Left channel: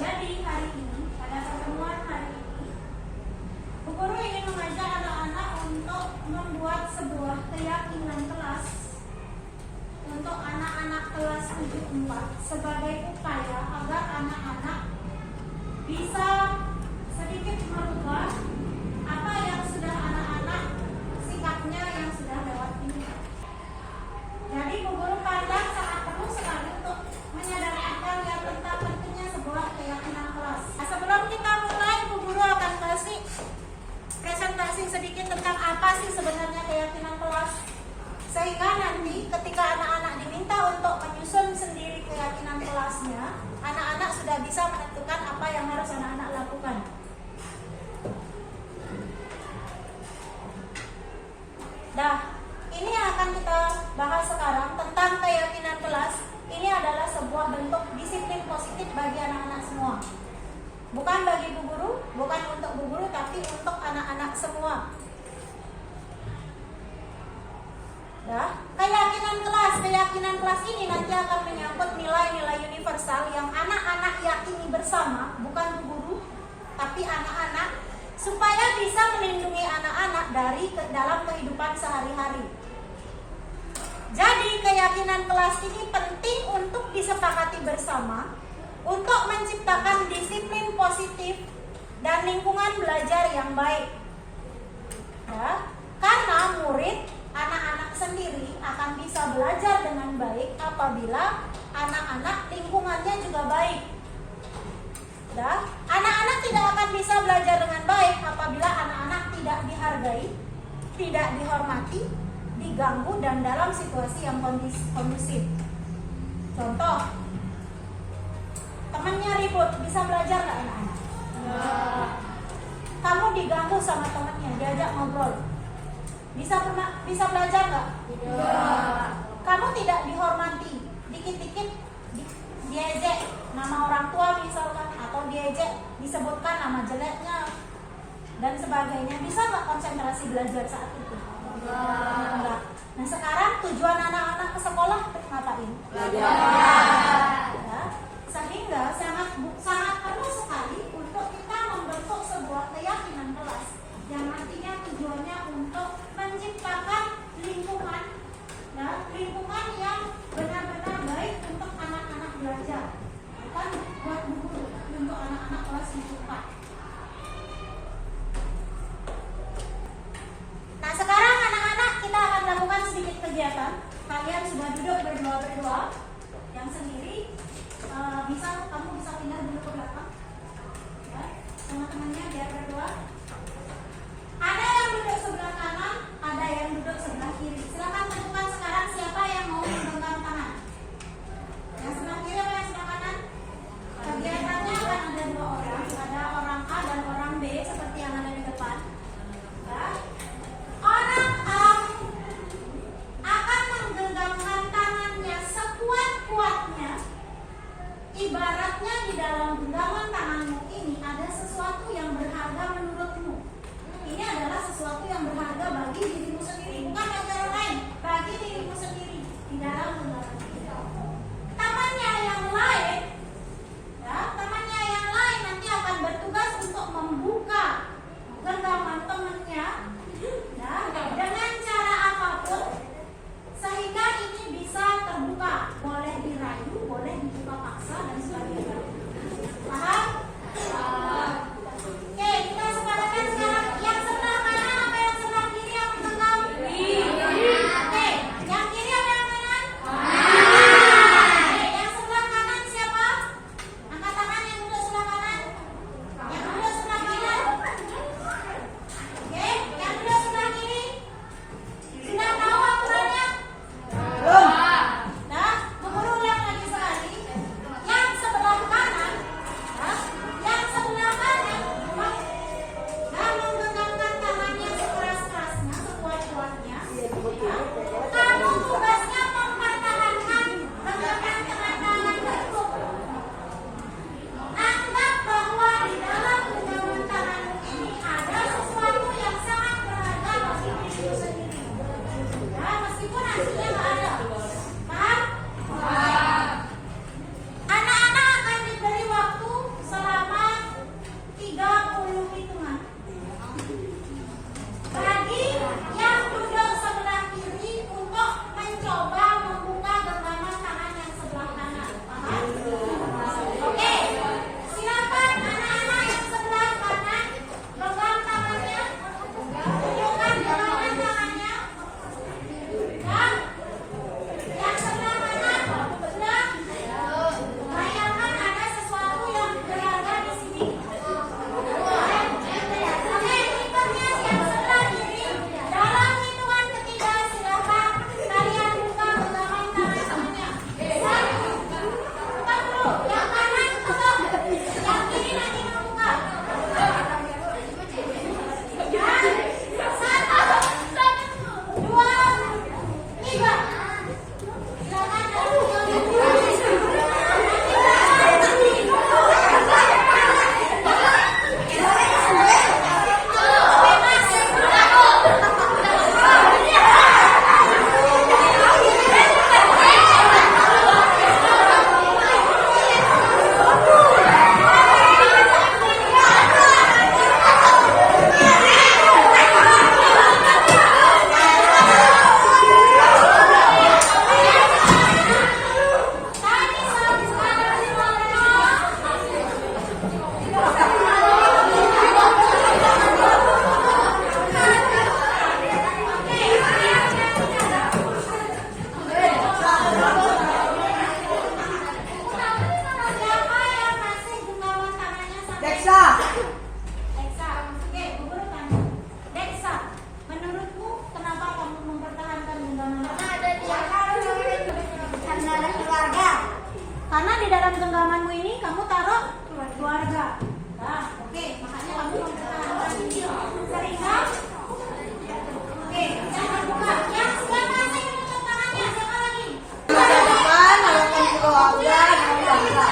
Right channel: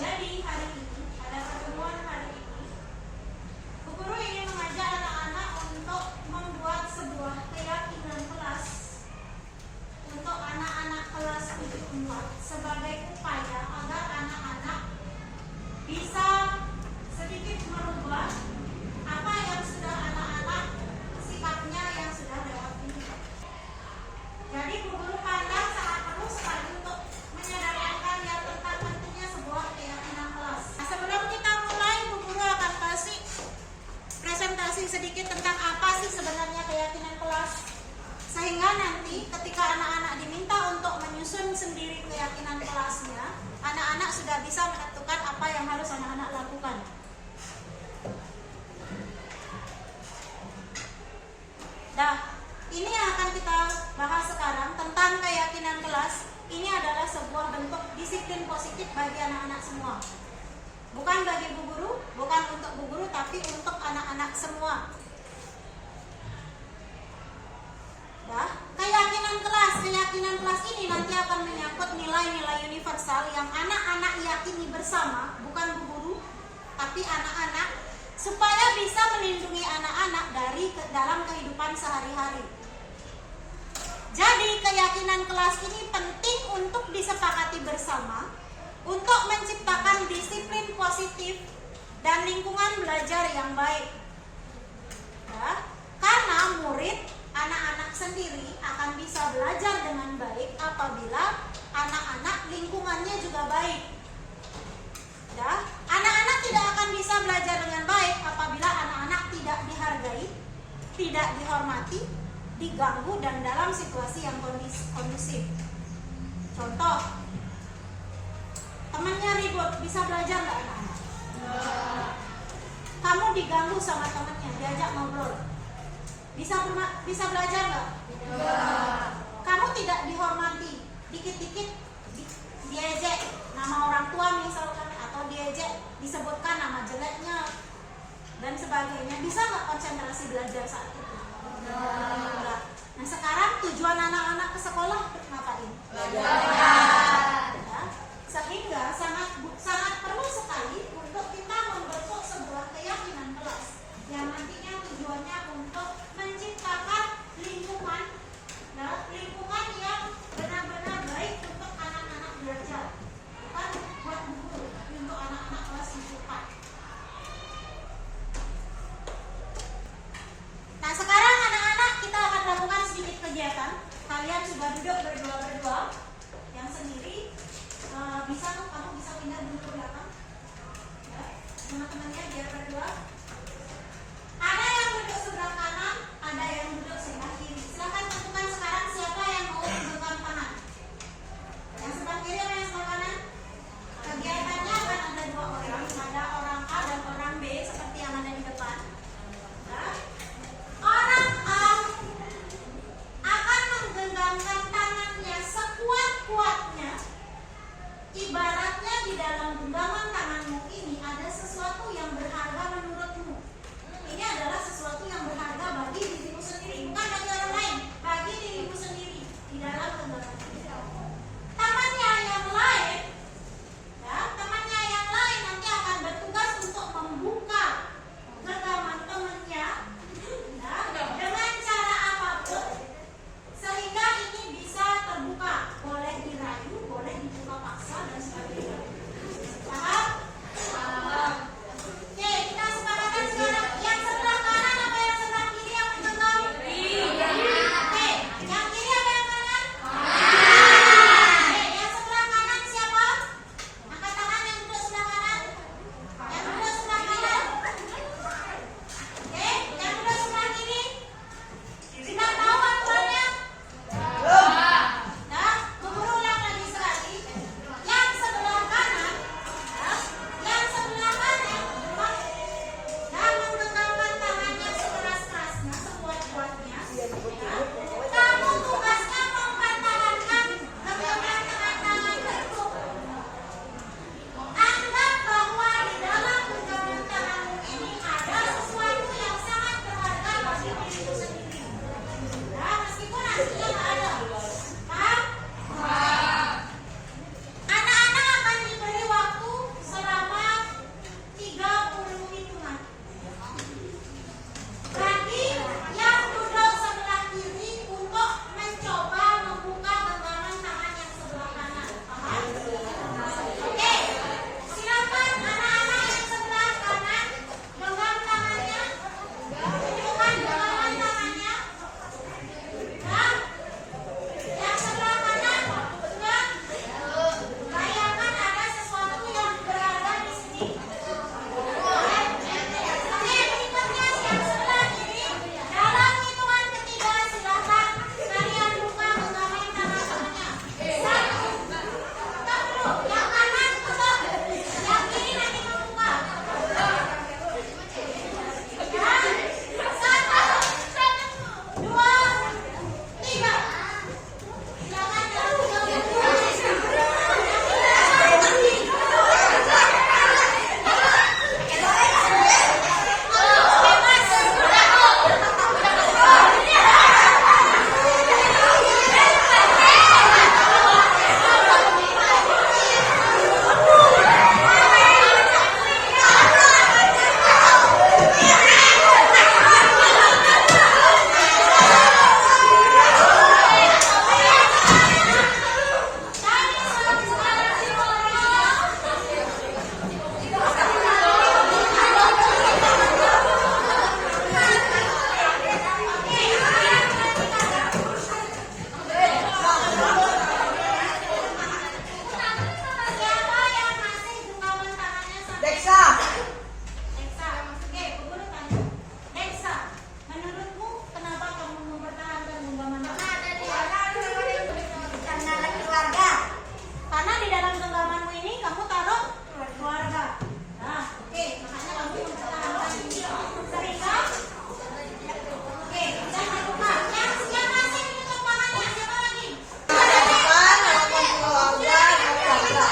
Jadi hari ini pada pertemuan hari ini, Bu Guru ingin mengajak anak-anak untuk membuat sebuah keyakinan kelas untuk anak-anak kelas 74 sebagai upaya agar anak-anak bisa sedikit merubah apa yang sudah anak-anak sikapnya yang sudah lewat ini. Jadi Bu Guru pandang sangat perlu sekali untuk menyadarkan kalian tentang pentingnya sebuah keyakinan kelas. Nah, sebelum kita mulai, Bu Guru akan kasih presentasi sedikit tentang apa sih sebenarnya keyakinan kelas, sehingga nanti ketika anak-anak diminta untuk menyusun sendiri keyakinan kelasnya, anak-anak sudah bisa menentukan apa yang harus anak-anak lakukan. Nah, ini yang akan kita bahas sekarang tentang keyakinan kelas. Ini adalah sebuah bentuk disiplin positif bagi anak-anak semua. Bukan bagi Bu Guru, bukan untuk Bu Guru, tapi untuk anak-anak semua. Ya, keyakinan kelas ini nanti akan menyangkut nilai-nilai universal yang anak-anak yakini bersama, bukan Bu Guru, tapi anak-anak, supaya bisa melindungi anak-anak dalam kehidupan sehari-hari. Jadi keyakinan kelas ini penting untuk disepakati bersama untuk menciptakan disiplin positif dan lingkungan belajar yang baik. Ya, karena murid anak-anak sendiri akan bisa belajar dengan baik apabila anak-anak lingkungannya juga baik. Ya, anak-anak tidak akan bisa belajar dengan baik apabila anak-anak tidak dihargai, tidak dihormati, diganggu dan dalam situasi yang kondusif. Contoh, temannya ribut, bisa belajar nggak anak-anak? Kamu diganggu sama temannya, diajak ngobrol, bisa belajar nggak? Kamu tidak dihormati, dikit-dikit diejek nama orang tua misalkan, atau diejek disebutkan nama jeleknya dan sebagainya, bisa nggak konsentrasi belajar saat itu? Enggak. Nah, sekarang tujuan anak-anak ke sekolah ngapain? Belajar. Ya, sehingga sangat perlu sekali untuk kita membentuk sebuah keyakinan kelas yang nantinya tujuannya untuk menciptakan lingkungan, nah, lingkungan yang benar-benar baik untuk anak-anak belajar, bukan buat guru, tapi untuk anak-anak kelas 4. Nah, sekarang anak-anak kita akan lakukan sedikit kegiatan. Kalian sudah duduk berdua-berdua, yang sendiri kamu bisa pindah dulu ke belakang, ya, teman-temannya biar berdua. Ada yang duduk sebelah kanan, ada yang duduk sebelah kiri. Silakan tentukan sekarang siapa yang mau menggenggam tangan. Yang sebelah kiri atau yang sebelah kanan? Kegiatannya akan ada 2 orang, ada orang A dan orang B seperti yang ada di depan. Ya. Orang A akan menggenggamkan tangannya sekuat-kuatnya. Ibaratnya di dalam genggaman tanganmu ini ada sesuatu yang berharga menurutmu. Ini adalah sesuatu yang berharga bagi dirimu sendiri, bukan bagi orang lain, bagi dirimu sendiri di dalam genggaman ini. Temannya yang lain, ya, temannya yang lain nanti akan bertugas untuk membuka genggaman temannya, ya, dengan cara apapun sehingga ini bisa terbuka. Boleh dirayu, boleh dibuka paksa dan sebagainya. Paham? Oke, kita sepakatkan sekarang yang sebelah kanan apa yang sebelah kiri yang menggenggam? Oke, yang kiri apa yang kanan? Deksa. Deksa. Oke, Bu Guru tanya. Deksa, menurutmu kenapa kamu mempertahankan genggaman kamu? Karena keluarga. Karena di dalam genggamanmu ini kamu taruh keluarga. Nah, oke, makanya kamu mempertahankan ini. Sehingga, oke, jangan lupa. Yang siapa sih yang menutup tangannya? Siapa lagi? Harapan, harapan keluarga, keluarga.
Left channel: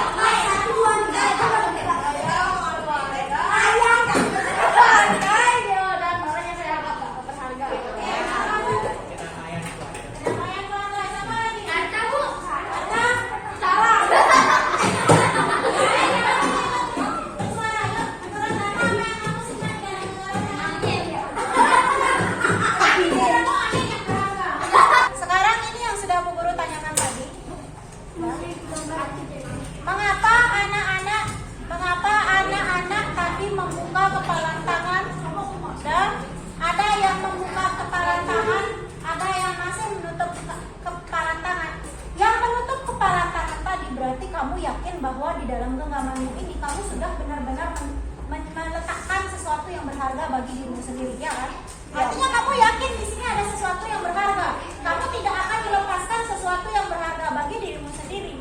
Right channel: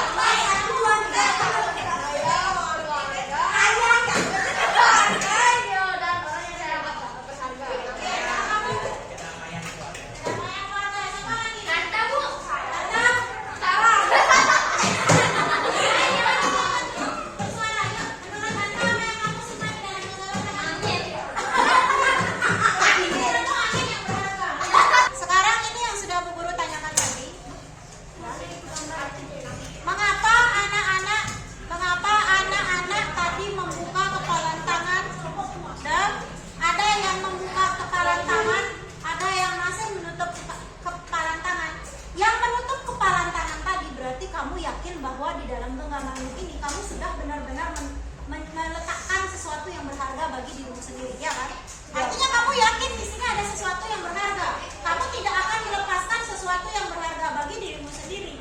Sekarang ini yang sudah Bu Guru tanyakan tadi. Mengapa anak-anak tadi membuka kepala tangan dan ada yang membuka kepala tangan, ada yang masih menutup kepala tangan. Yang menutup kepala tangan tadi berarti kamu yakin bahwa di dalam genggamanmu ini kamu sudah benar-benar meletakkan sesuatu yang berharga bagi dirimu sendiri, ya kan? Artinya kamu yakin di sini ada sesuatu yang berharga. Kamu tidak akan melepaskan sesuatu yang berharga bagi dirimu sendiri.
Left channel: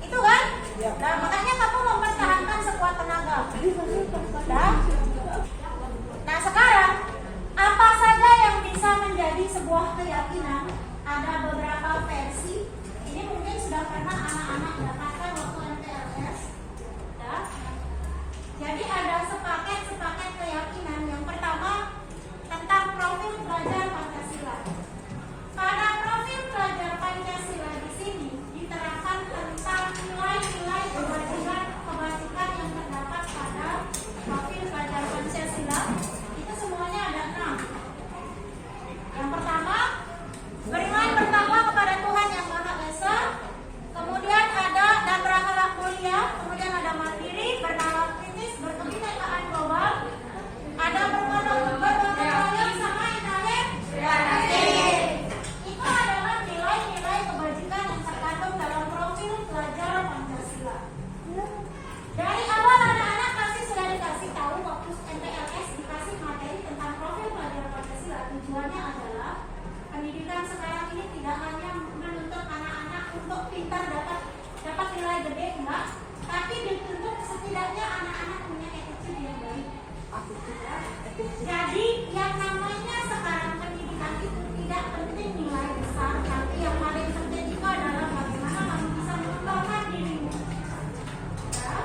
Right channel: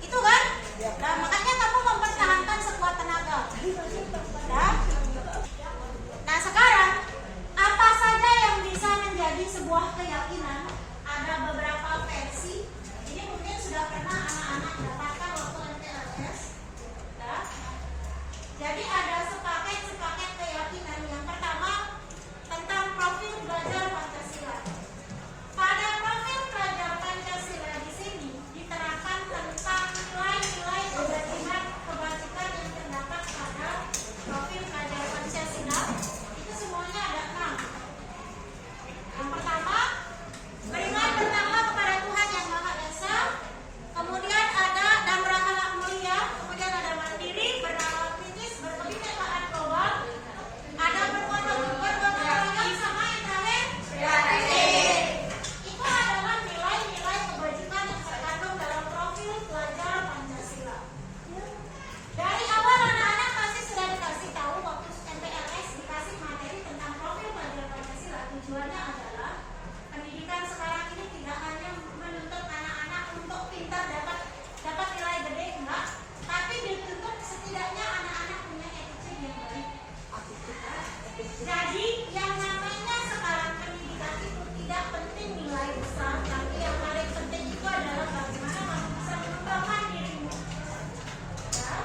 Itu kan? Nah, makanya kamu mempertahankan sekuat tenaga. Nah, sekarang apa saja yang bisa menjadi sebuah keyakinan? Ada beberapa versi. Ini mungkin sudah pernah anak-anak dapatkan waktu MTLS. Ya. Jadi ada sepaket keyakinan. Yang pertama tentang profil belajar Pancasila. Pada profil belajar Pancasila di sini diterapkan tentang nilai-nilai kebajikan yang terdapat pada profil belajar Pancasila. Itu semuanya ada 6. Yang pertama, beriman pertama kepada Tuhan Yang Maha Esa. Kemudian ada dan berakhlak mulia. Kemudian ada mandiri, bernama kritis, berkebinekaan global. Ada bergotong royong sama Internet. Itu adalah nilai-nilai kebajikan yang terkandung dalam profil pelajar Pancasila. Dari awal anak-anak pasti sudah dikasih tahu waktu MTLS dikasih materi tentang profil pelajar Pancasila. Tujuannya adalah pendidikan sekarang ini tidak hanya menuntut anak-anak untuk pintar dapat nilai gede, enggak, tapi dituntut setidaknya anak-anak punya attitude yang baik. Jadi yang namanya sekarang pendidikan itu tidak penting nilai besar, tapi yang paling penting itu adalah bagaimana kamu bisa mengembangkan dirimu, ya,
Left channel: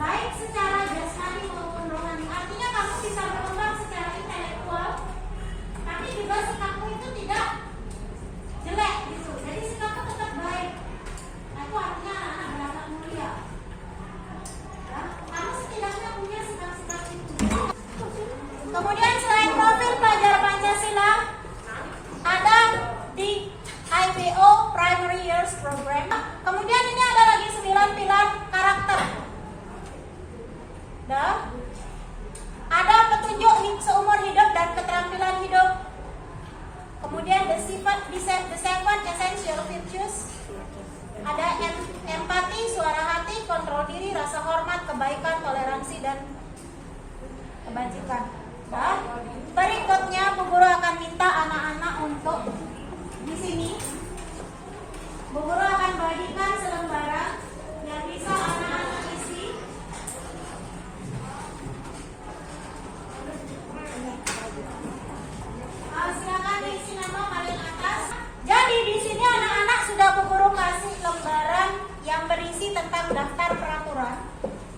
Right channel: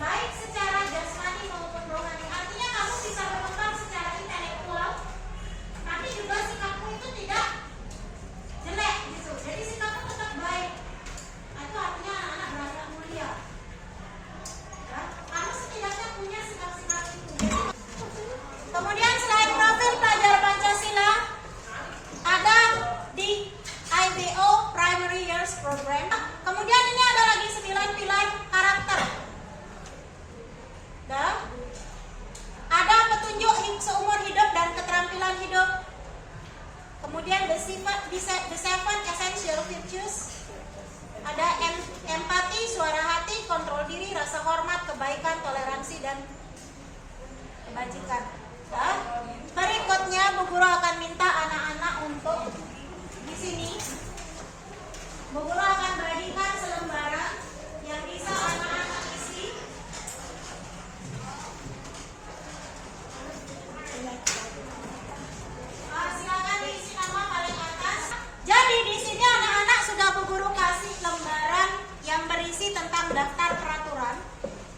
baik secara jasmani maupun rohani. Artinya kamu bisa berkembang secara intelektual, tapi juga sikapmu itu tidak jelek gitu. Jadi sikapmu tetap baik. Nah, itu artinya anak-anak berakhlak mulia. Ya, kamu setidaknya punya sikap-sikap itu. Kemudian selain profil pelajar Pancasila, ada di IBO Primary Years Program. Kemudian ini ada lagi 9 pilar karakter. Dan ada petunjuk seumur hidup dan keterampilan hidup. Kemudian the seven essential virtues. Ada empati, suara hati, kontrol diri, rasa hormat, kebaikan, toleransi, dan kebajikan. Nah, berikutnya Bu Guru akan minta anak-anak untuk di sini. Bu Guru akan bagikan selembaran yang bisa anak-anak isi. Silakan diisi nama paling atas. Jadi di sini anak-anak sudah Bu Guru kasih lembaran yang berisi tentang daftar peraturan.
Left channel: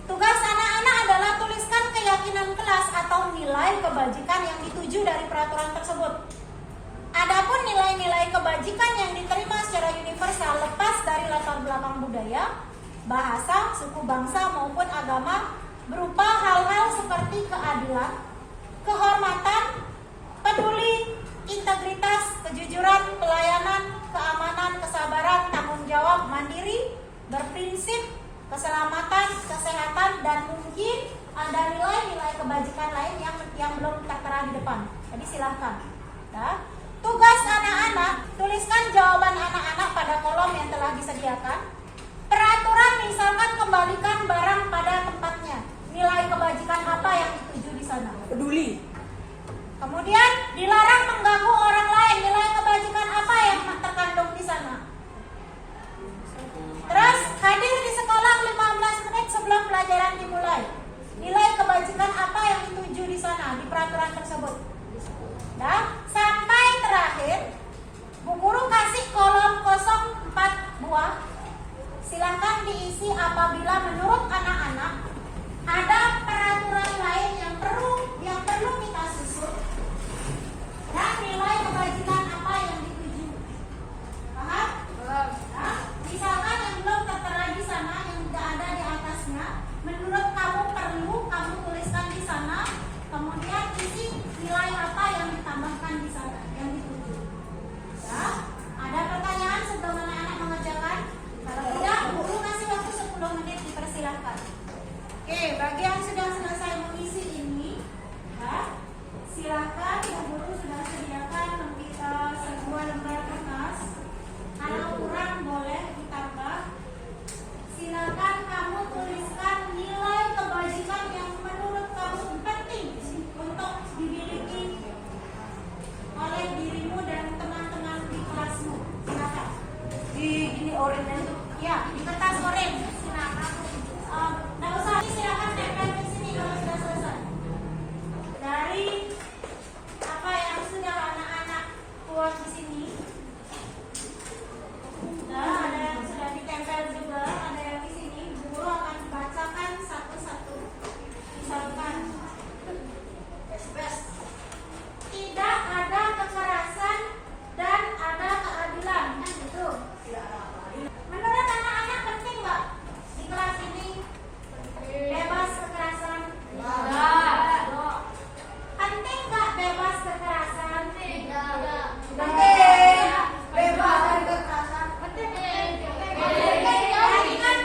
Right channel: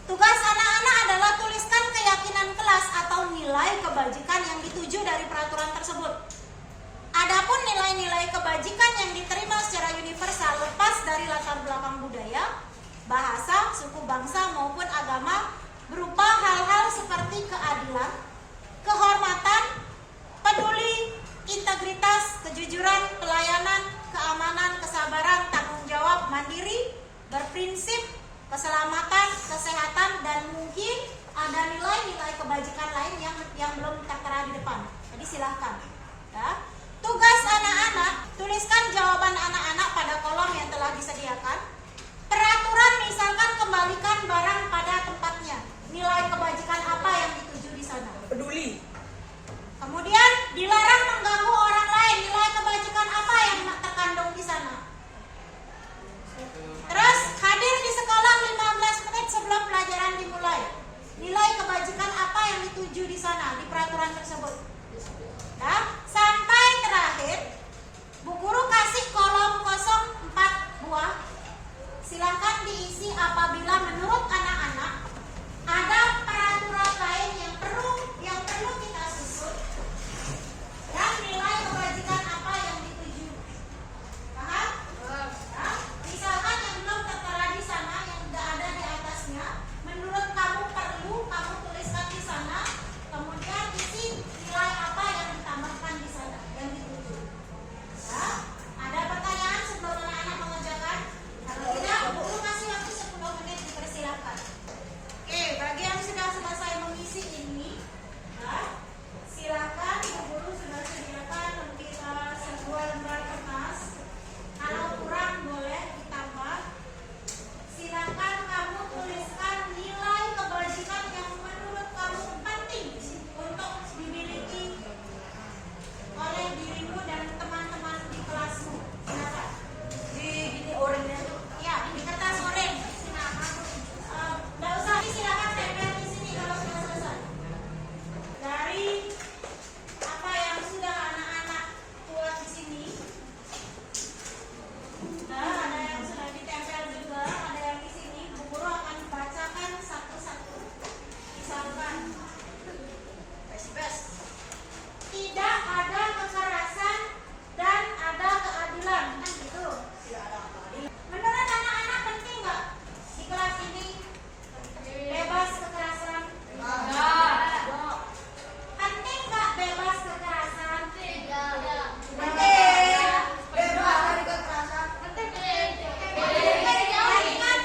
Tugas anak-anak adalah tuliskan keyakinan kelas atau nilai kebajikan yang dituju dari peraturan tersebut. Adapun nilai-nilai kebajikan yang diterima secara universal lepas dari latar belakang budaya, bahasa, suku bangsa maupun agama berupa hal-hal seperti keadilan, kehormatan, peduli, integritas, kejujuran, pelayanan, keamanan, kesabaran, tanggung jawab, mandiri, berprinsip, keselamatan, kesehatan, dan mungkin ada nilai-nilai kebajikan lain yang belum tertera di depan. Jadi silahkan. Ya. Tugas anak-anak, tuliskan jawaban anak-anak pada kolom yang telah disediakan. Peraturan misalkan kembalikan barang pada tempatnya. Nilai kebajikan pembelajaran dimulai. Nilai kebajikan apa yang dituju di sana di peraturan tersebut. Dan sampai terakhir, Bu Guru kasih kolom kosong 4 buah. Silakan diisi apabila menurut anak-anak ada peraturan lain yang perlu kita susun dan nilai kebajikan apa yang dituju. Paham? Nah, misalkan yang belum tertera di sana yang tidak ada di atasnya, menurut kamu perlu kamu tuliskan di sana, kemudian isi nilai apa yang ditambahkan di sana yang dituju. Ya, ada pertanyaan sebelum anak-anak mengerjakan? Kalau tidak, guru kasih waktu 10 menit, dipersilakan. Oke, bagi yang sudah selesai mengisi ini, ya, silakan Bu Guru sudah sediakan kita sebuah lembar kertas. Kalau kurang boleh ditambah. Silakan kamu tuliskan nilai kebajikan yang menurut kamu penting untuk dimiliki oleh dirimu dan teman-teman di kelasmu. Silakan. Di ini oranye tuh. Ya, di kertas oranye. Nggak usah, silakan tempel di sini kalau sudah selesai. Dari apa yang sudah anak-anak buat di sini, nah, ada yang sudah ditempel juga, ada yang di sini. Bu Guru akan bacakan satu-satu. Misalkan, tidak ada kekerasan dan ada keadilan, kan gitu. Tidak ada apa-apa. Menurut anak-anak penting nggak di kelas ini bebas kekerasan? Penting nggak bebas kekerasan? Penting. Bebas dari kekerasan. Kalimat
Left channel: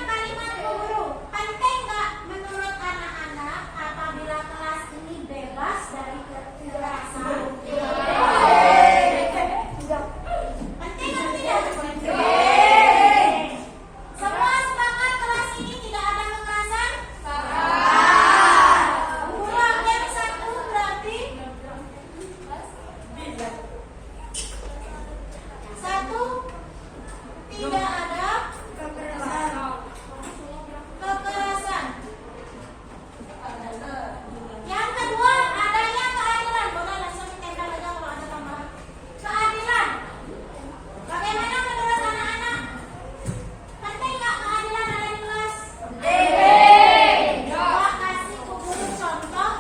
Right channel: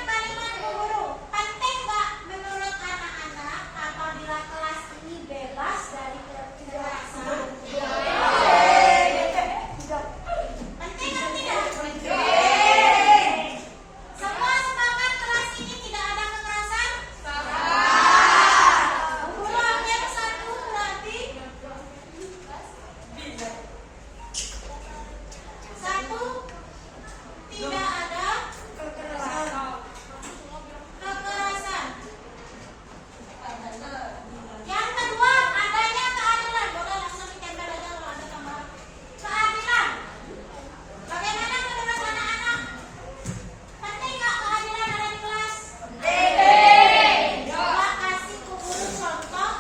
Bu Guru, penting nggak menurut anak-anak apabila kelas ini bebas dari kekerasan? Penting atau tidak? Semua sepakat kelas ini tidak ada kekerasan? Bu Guru ambil 1 berarti 1 tidak ada kekerasan. Yang kedua, adanya keadilan. Boleh langsung ditempel aja kalau ada tambahan. Keadilan. Bagaimana menurut anak-anak? Penting nggak keadilan ada di kelas? Coba kasih Bu Guru contoh.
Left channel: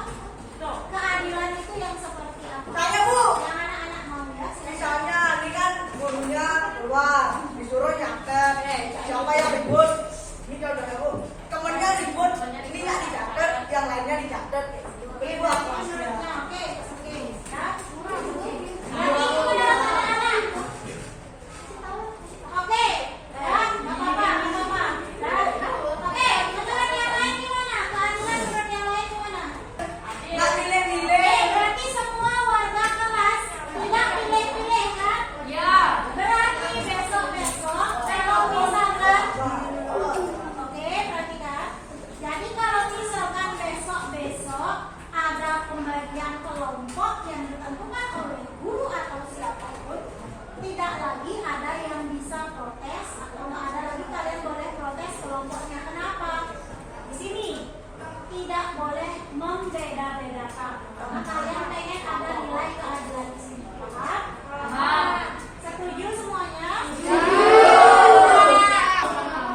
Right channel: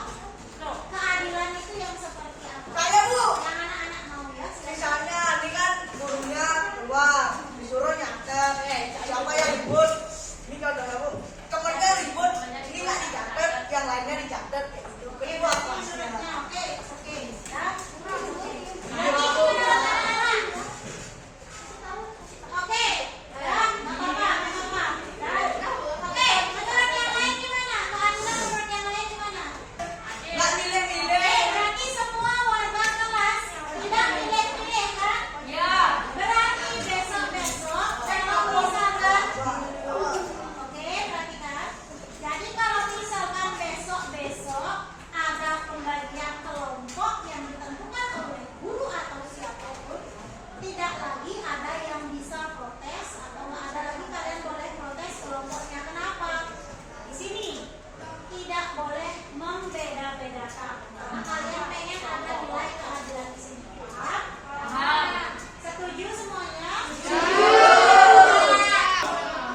Keadilan itu yang seperti apa? Kayak, Bu. Yang anak-anak mau ya. Silakan. Misalnya ini kan gurunya keluar, disuruh nyatet. Siapa yang ribut? Ini contohnya, Bu. Temennya ribut, ini nggak dicatat, yang lainnya dicatat. Kedua kelasnya. Oke. Ya. Berarti itu menurut anak-anak. Oke. Ya, nggak apa-apa. Dan, oke, menurut yang lain gimana? Keadilan menurut yang lain gimana? Nggak milih-milih. Berarti semua warga kelas tidak pilih-pilih kan? Berarti besok-besok kalau misalkan, oke, perhatikan. Jadi kalau misalkan besok-besok ada pembagian kelompok yang ditentukan oleh guru atau siapapun, tidak lagi ada yang bisa protes atau nggak ada lagi kalian boleh protes kelompoknya. Kenapa? Di sini tidak boleh membeda-bedakan. Karena kalian pengen ada nilai keadilan di sini. Paham? Setuju semuanya?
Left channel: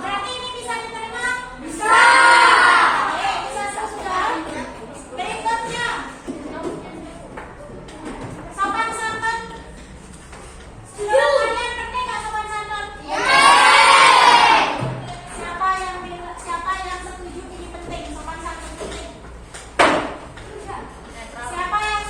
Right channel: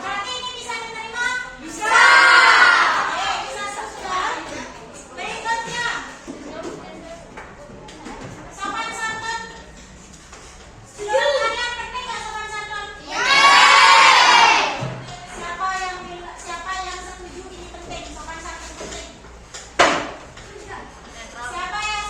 Berarti ini bisa diterima? Bisa. Oke, bisa sudah. Berikutnya, sopan santun. Menurut kalian penting nggak sopan santun? Siapa yang setuju ini penting? Sopan santun penting. Siapa yang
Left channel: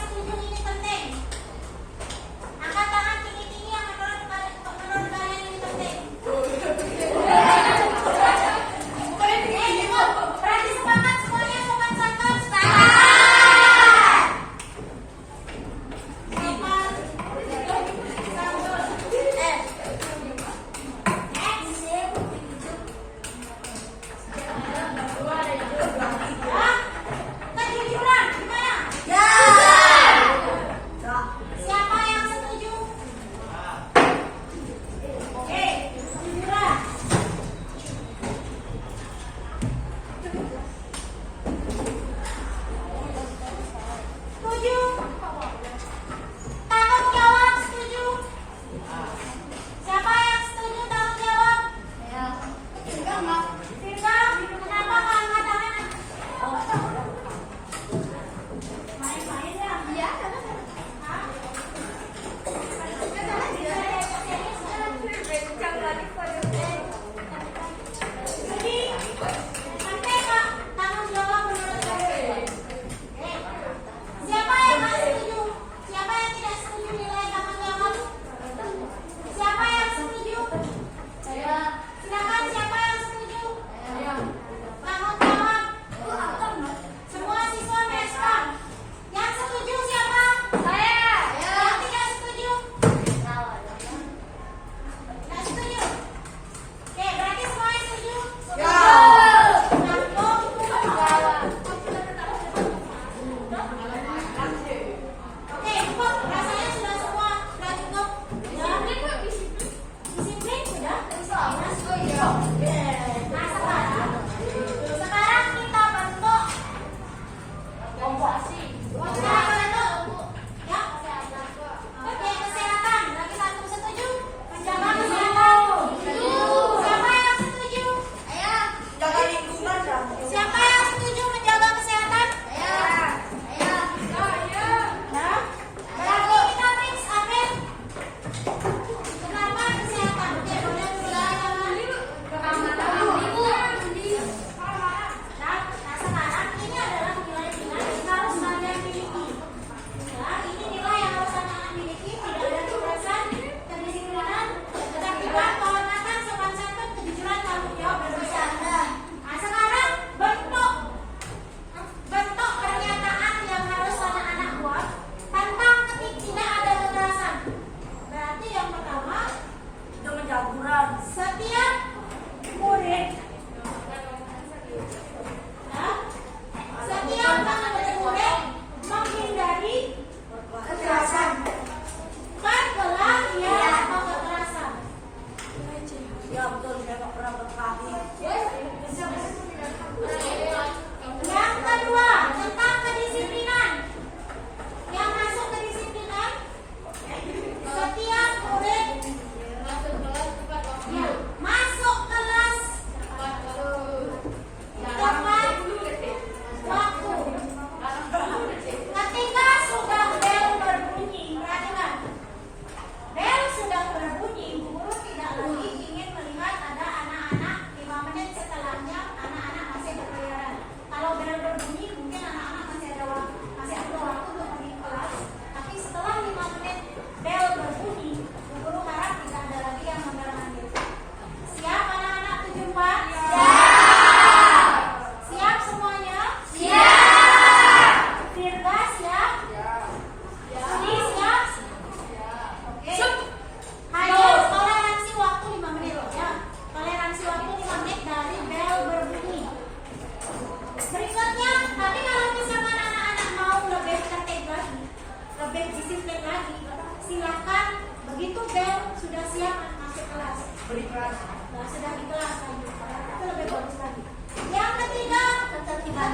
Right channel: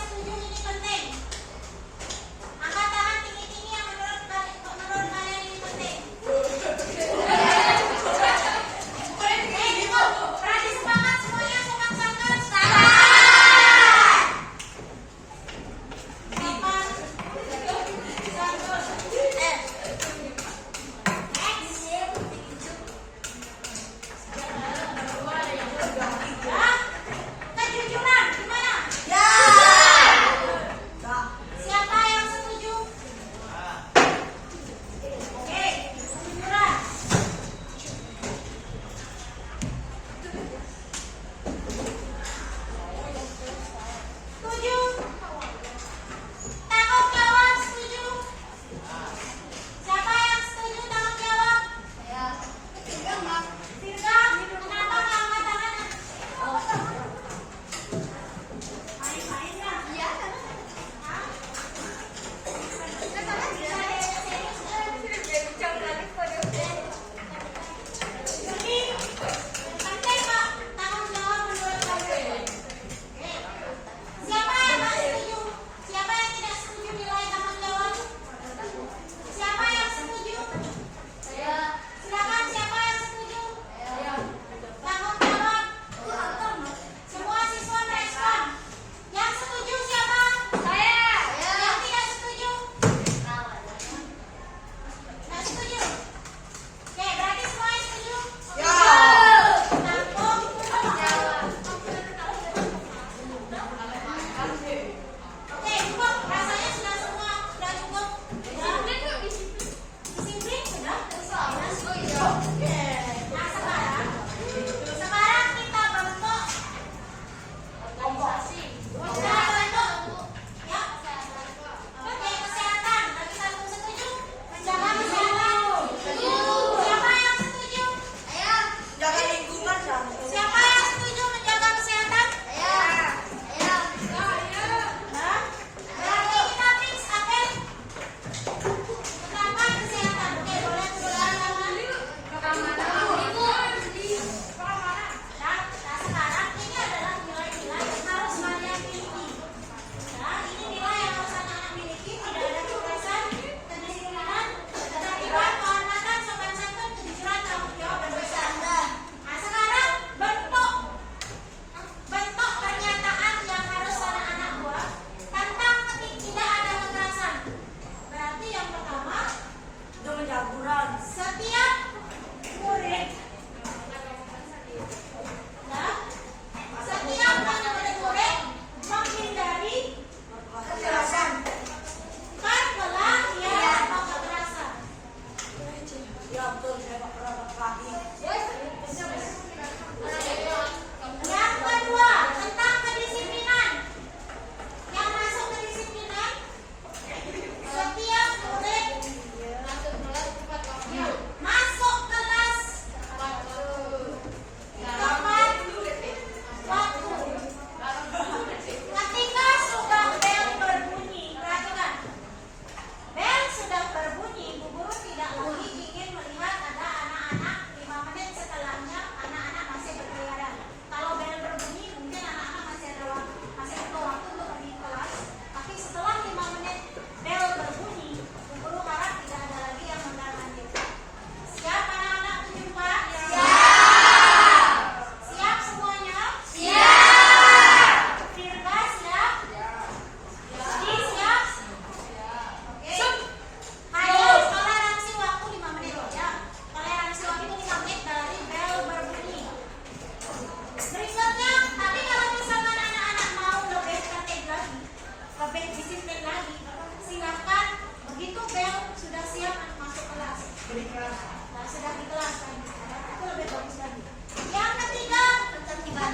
Berikhlas. Nah, sudah di kelas lagi. Itu lebih bagus lagi. Yang ketiga, ketertiban.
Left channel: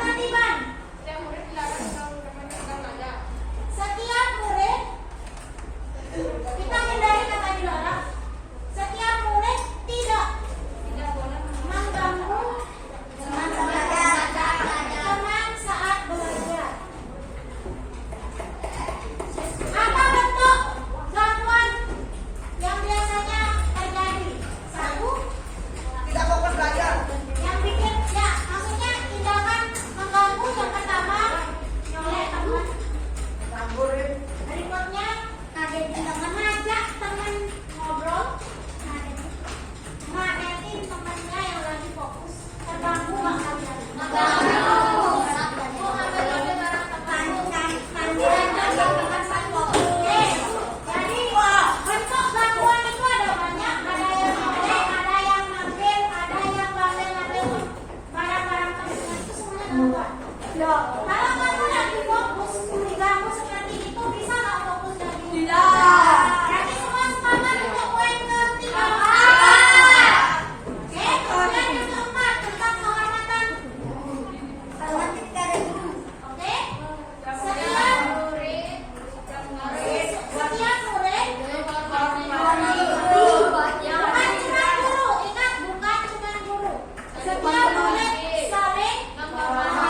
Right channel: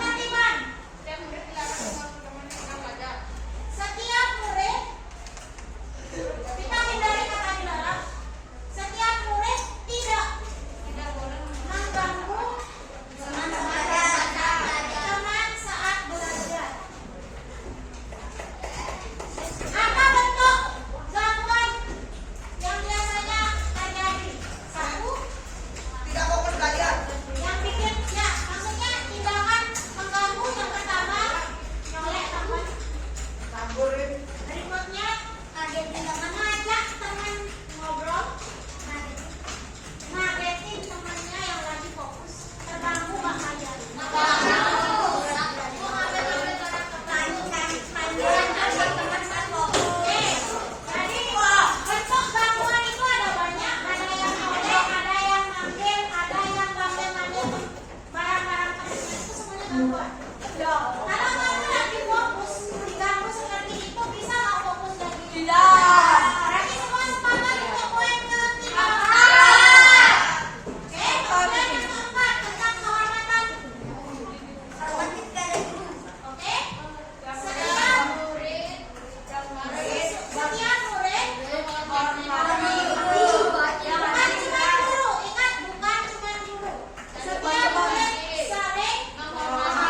Setiap murid dilarang mengganggu teman-teman belajar. Setiap murid, kita hindari kata dilarang. Setiap murid tidak Tidak boleh mengganggu teman saat belajar. Apa bentuk gangguan yang biasanya terjadi? Satu, Tidak fokus belajar. yang bikin ya maksudnya tindakan mengganggu yang pertama yang oleh teman. Nganggurin. Berikutnya mengajak teman ngobrol, ngagetin temannya yang lagi fokus, terganggu nggak kalian? Oke, jadi bentuk gangguan itu ada banyak, ada yang ngambil, ada yang ngambil barang-barang temannya, itu semuanya gangguan. Kalau kamu lagi fokus, diganggu seperti itu bisa nggak fokus dan tidak? Berarti semua sepakat untuk poin ketiga. Oke, kemudian yang keempat tentang kehormatan. Oke, setiap murid bukan cuma guru, ingat bukan cuma guru. Setiap murid saling menghormati.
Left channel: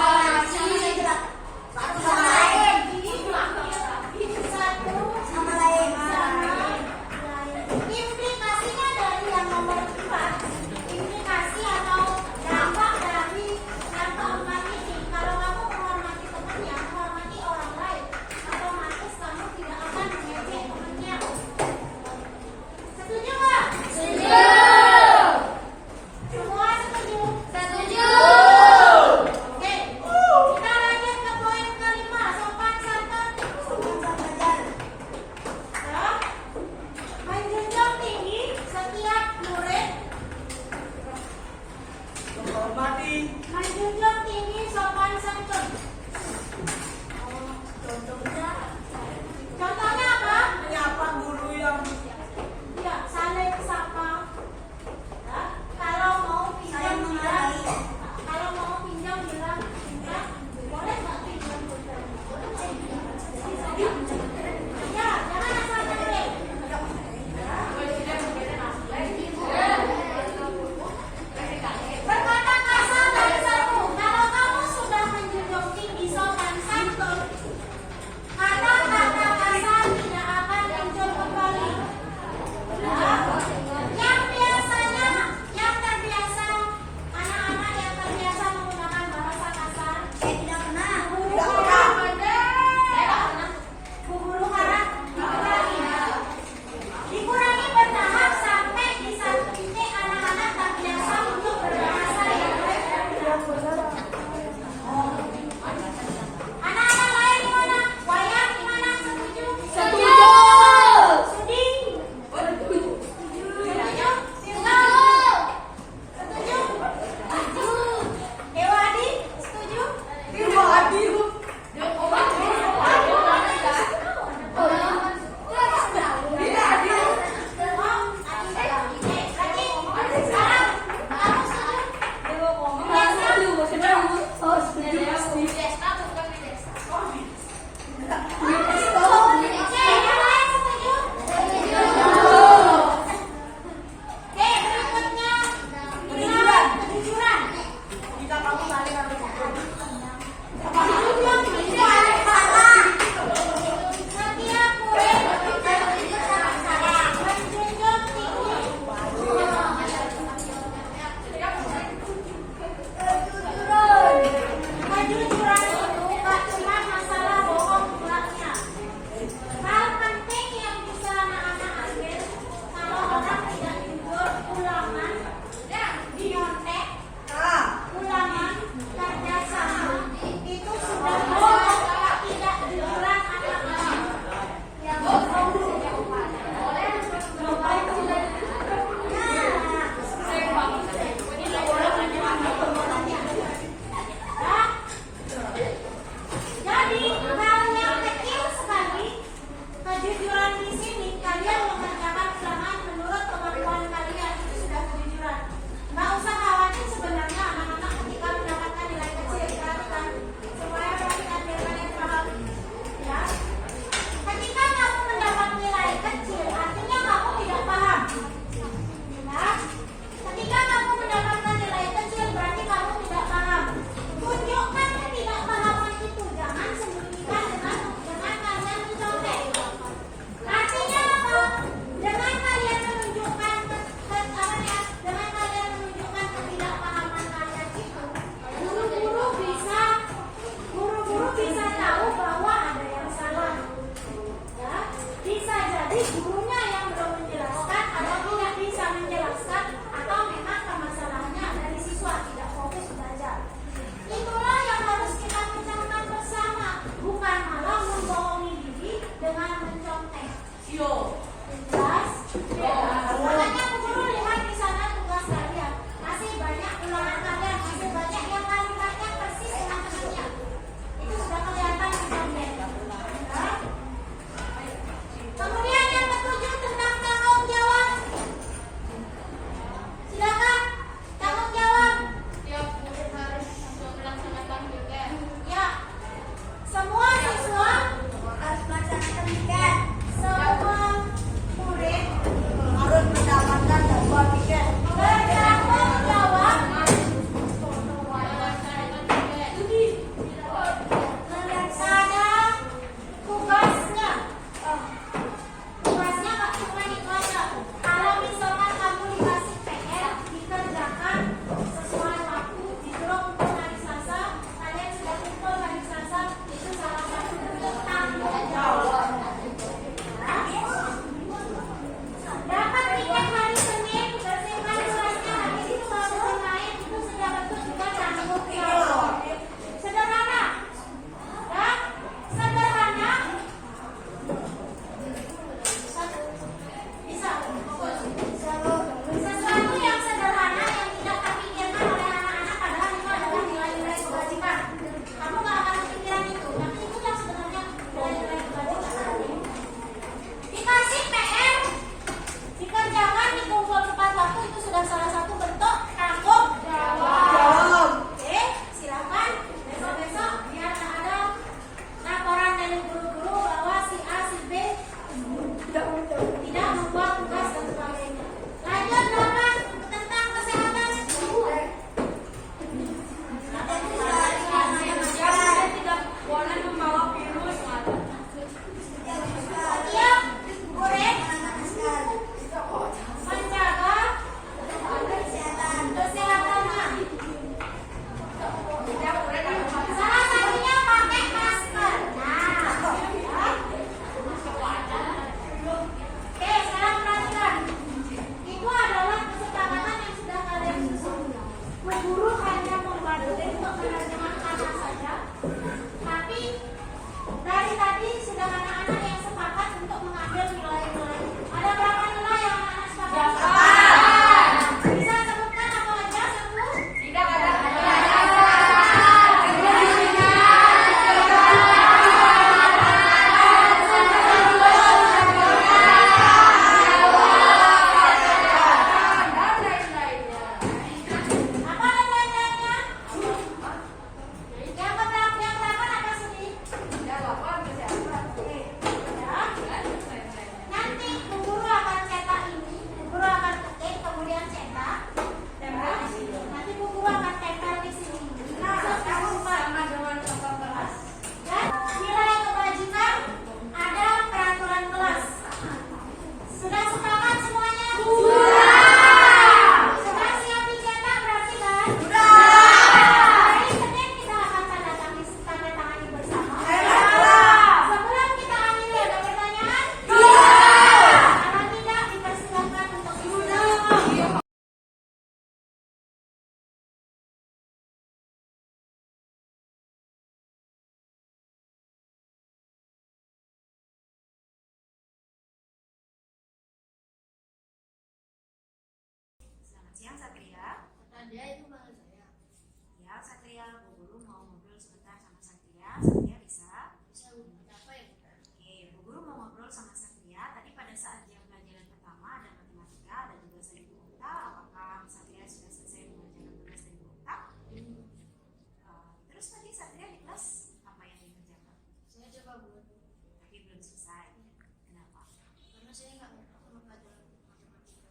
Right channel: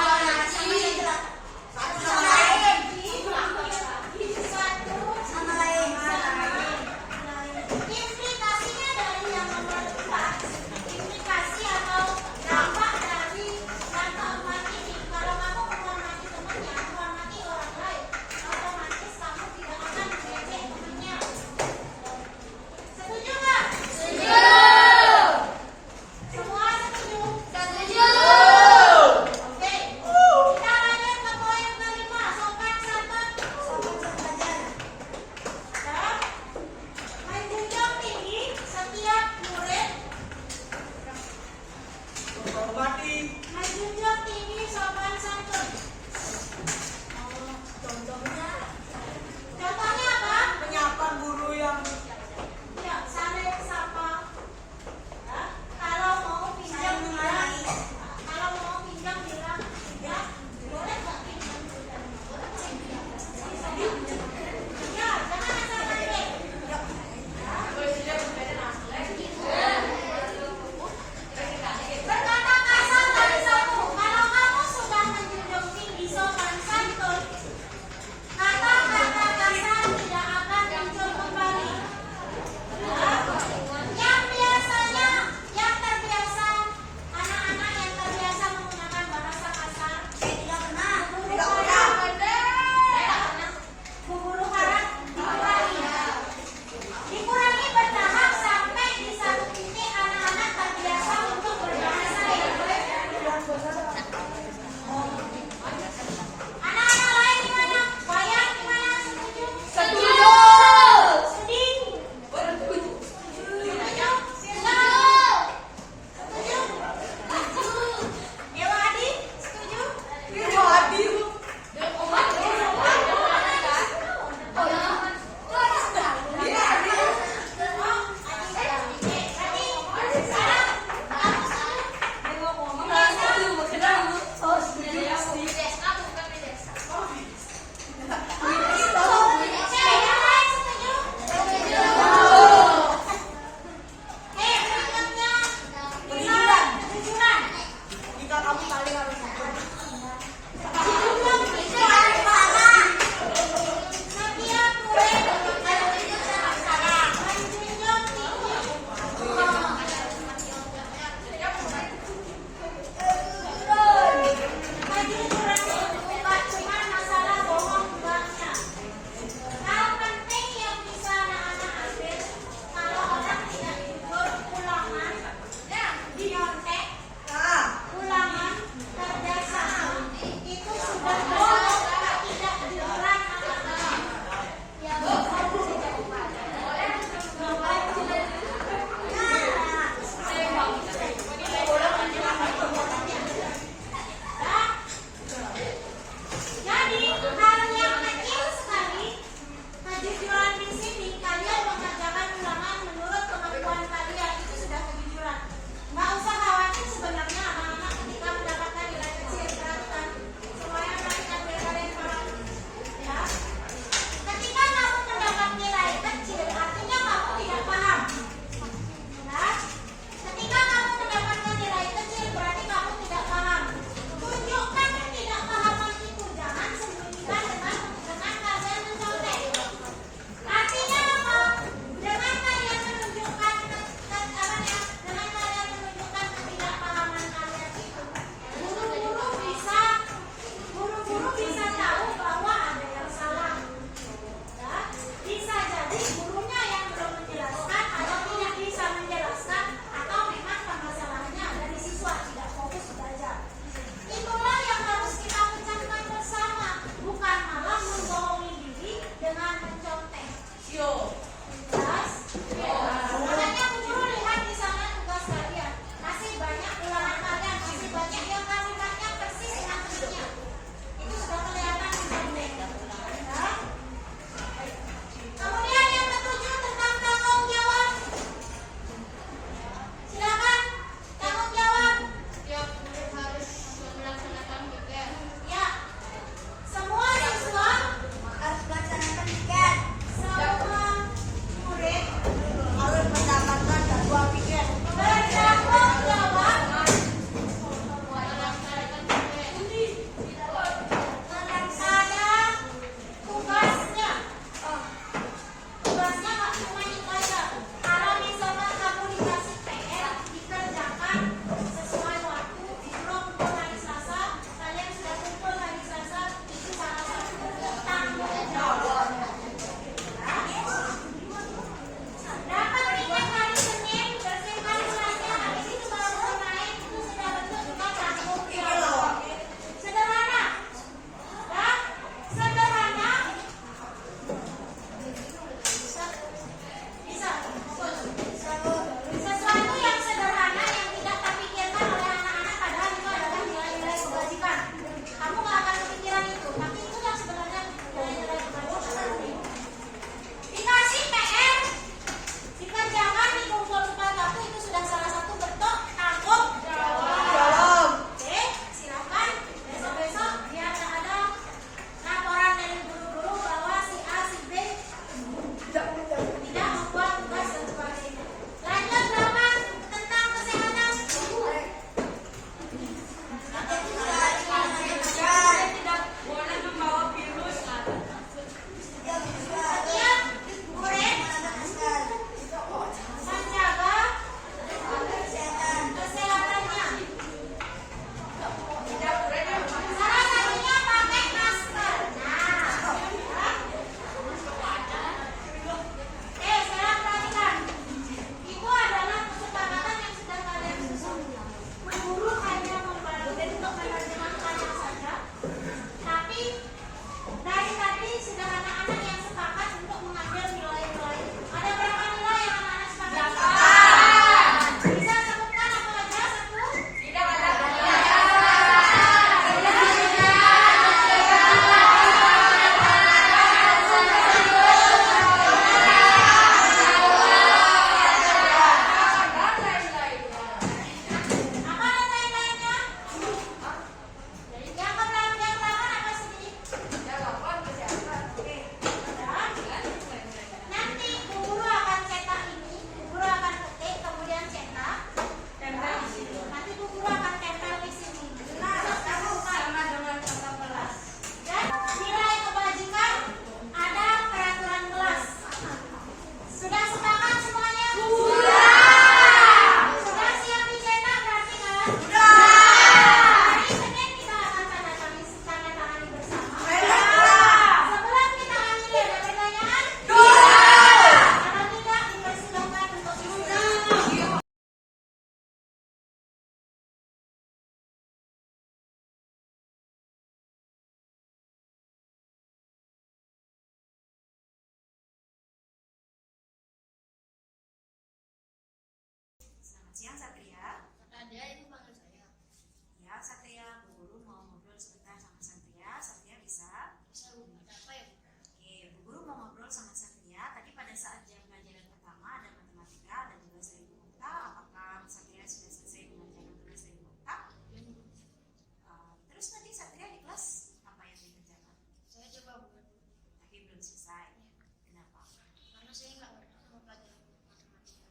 saya nggak ngerti sama pelajaran matematika.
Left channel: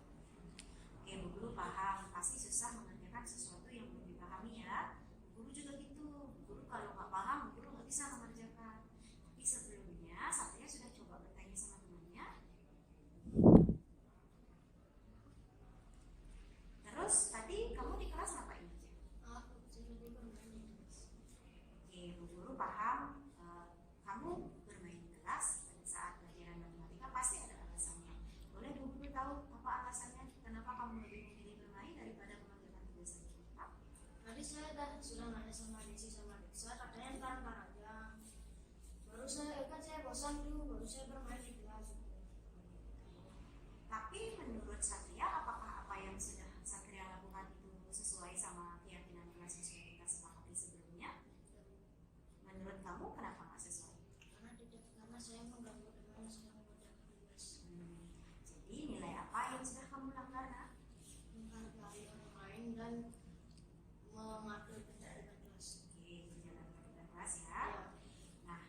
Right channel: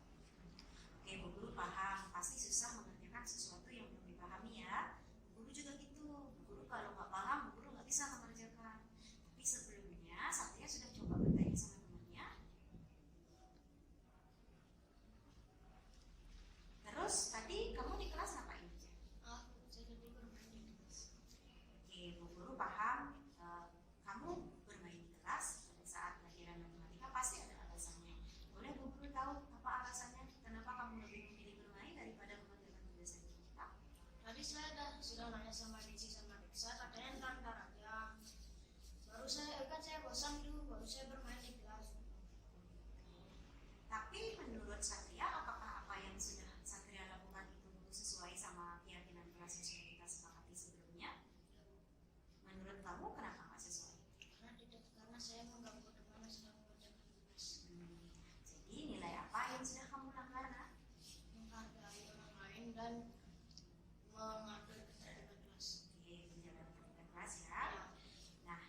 Oke, Bu Guru paham. Pasti susah mengerjakan sesuatu yang belum dipahami ya. Bu Guru juga gitu. Bu Guru kalau nggak paham, Bu Guru nggak bisa mengerjakan. Tapi sebelumnya, Satria sudah coba bertanya sama temannya. Terus tadi kamu di kelas ngapain aja? Aku jadi bermain di kelas. Oke, Bu Guru paham. Kamu bermain di kelas pada saat pelajaran matematika pasti ada alasannya. Boleh Bu Guru tahu apa alasannya? Kenapa kamu lebih memilih bermain daripada mengerjakan tugas yang cepat? Tadi saya sudah nanya sama Diksi sama Diksa, katanya ntar aja. Baru saya kan saya bosan dulu, baru saya bermain di kelas. Tapi menurut Satria, apakah apa yang sudah Satria lakukan itu sesuai sama keyakinan kelas yang sudah kita sepakati sebelumnya? Menurut kamu kenapa nggak sesuai? Karena saya mengganggu teman yang sedang mengerjakan tugas. Jadi nilai apa yang sudah kamu lakukan? Menghargai orang lain dan mengatur ketertiban kelas. Oke, menjaga ketertiban kelas ya. Ya. Nah,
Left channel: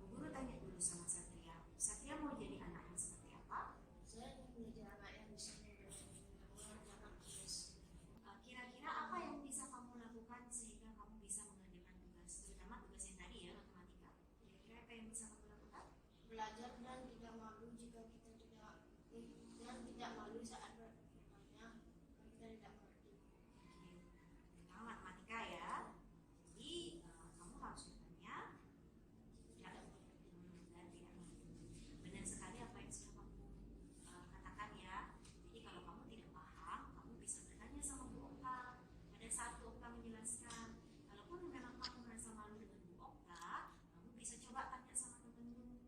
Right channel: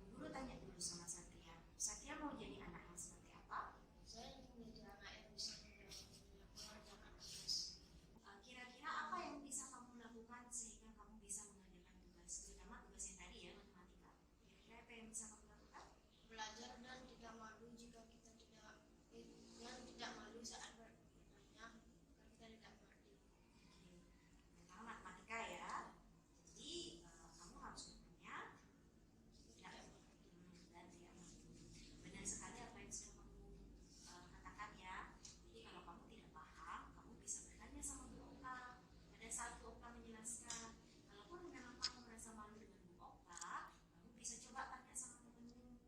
Bu Guru tanya dulu sama Satria. Satria mau jadi anak yang seperti apa? Saya ingin menjadi anak yang bisa mengerjakan tugas. Kira-kira apa yang bisa kamu lakukan sehingga kamu bisa mengerjakan tugas, terutama tugas yang tadi ya, matematika. Kira-kira apa yang bisa kamu lakukan? Belajar dan tidak malu jika kita tidak malu saat bertanya, kan kita tidak mengerti. Oke, terutama matematika ya. Jadi kamu harus bertanya dan tidak malu. Benar sekali apa yang sudah kamu katakan ya. Jadi kalau kamu tidak paham, kamu bisa bertanya sama Bu Okta. Pada saat Bu Okta menjelaskan, kalaupun memang kamu merasa malu dengan Bu Okta, kamu bisa coba tanya sama temanmu.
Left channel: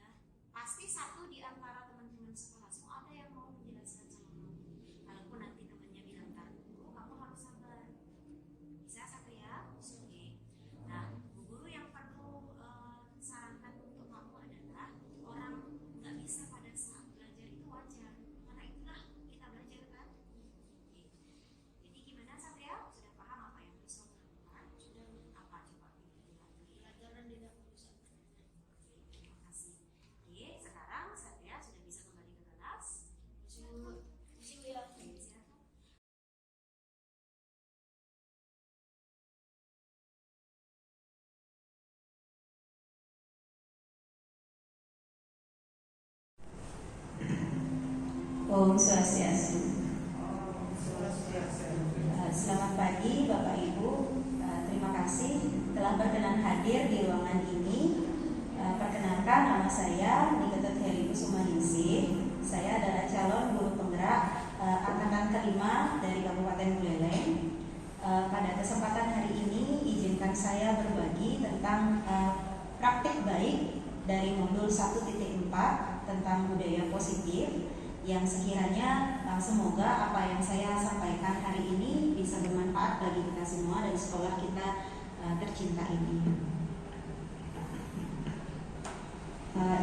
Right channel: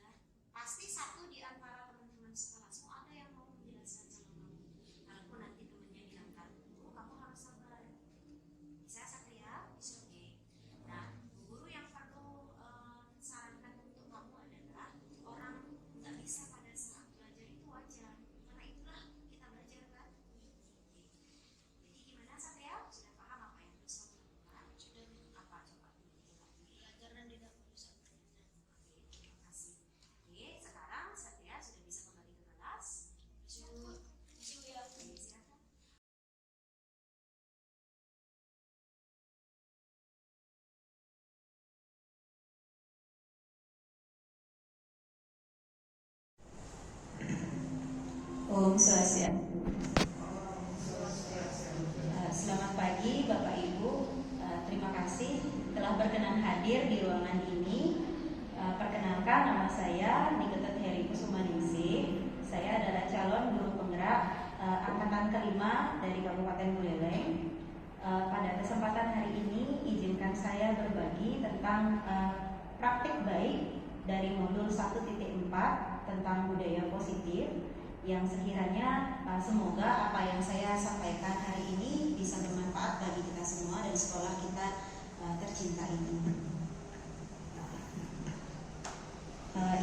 Ya, pasti satu di antara teman-teman sekelasmu ada yang mau menjelaskan sama kamu. Kalaupun nanti temannya bilang tak dulu, kamu harus sabar. Bisa Satria? Bisa. Oke. Nah, Bu Guru yang perlu sarankan untuk kamu adalah orang nggak bisa pada saat belajar itu wajar. Karena itulah kita belajar kan. Oke. Jadi gimana Satria? Sudah paham apa yang harus kamu lakukan? Sudah Apa coba dibikin lagi? belajar dan tidak bisa bertanya. Oke, terima kasih. Oke, sekarang Satria sudah bisa kembali ke kelas. Masih ya. Oke, silakan. Om Swastiastu. Selamat pagi Bapak Ibu. Terima kasih telah berkenan hadir di ruangan ini. Perkenalkan, nama saya Niketut Heri Kusumaningsih. Saya adalah calon guru penggerak angkatan kelima dari Kabupaten Buleleng. Pada kesempatan hari ini, izinkan saya berbagi tentang praktik baik dari modul 1.4 tentang budaya positif, yang sekiranya semoga apa yang saya sampaikan hari ini bisa bermanfaat bagi kita semua dan sekolah kita tercinta ini.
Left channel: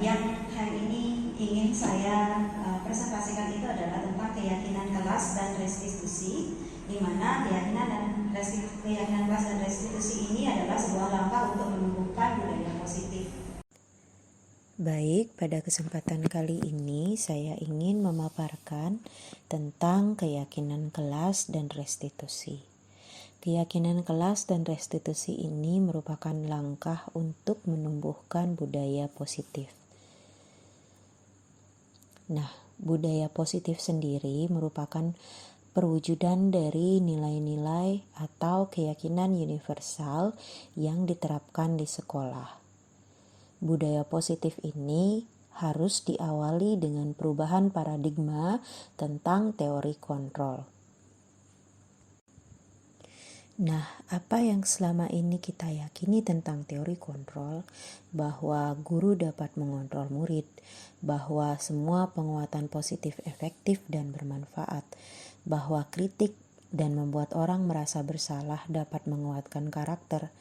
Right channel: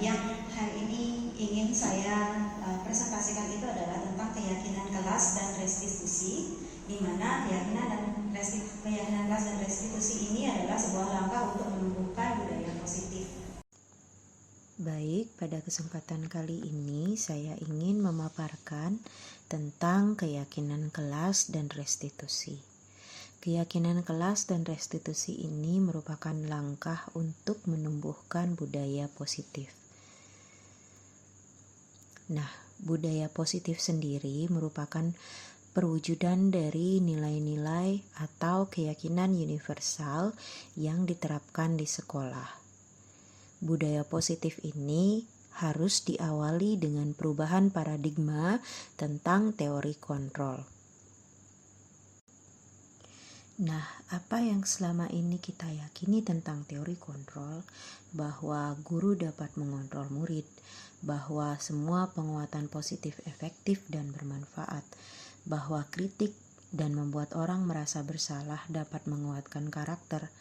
Yang hari ini ingin saya presentasikan itu adalah tentang keyakinan kelas dan restitusi, di mana keyakinan kelas dan restitusi ini adalah sebuah langkah untuk menumbuhkan budaya positif. Baik, pada kesempatan kali ini saya ingin memaparkan tentang keyakinan kelas dan restitusi. Keyakinan kelas dan restitusi ini merupakan langkah untuk menumbuhkan budaya positif. Nah, budaya positif sendiri merupakan perwujudan dari nilai-nilai atau keyakinan universal yang diterapkan di sekolah. Budaya positif ini harus diawali dengan perubahan paradigma tentang teori kontrol. Nah, apa yang selama ini kita yakini tentang teori kontrol? Bahwa guru dapat mengontrol murid, bahwa semua penguatan positif efektif dan bermanfaat, bahwa kritik dan membuat orang merasa bersalah dapat menguatkan karakter,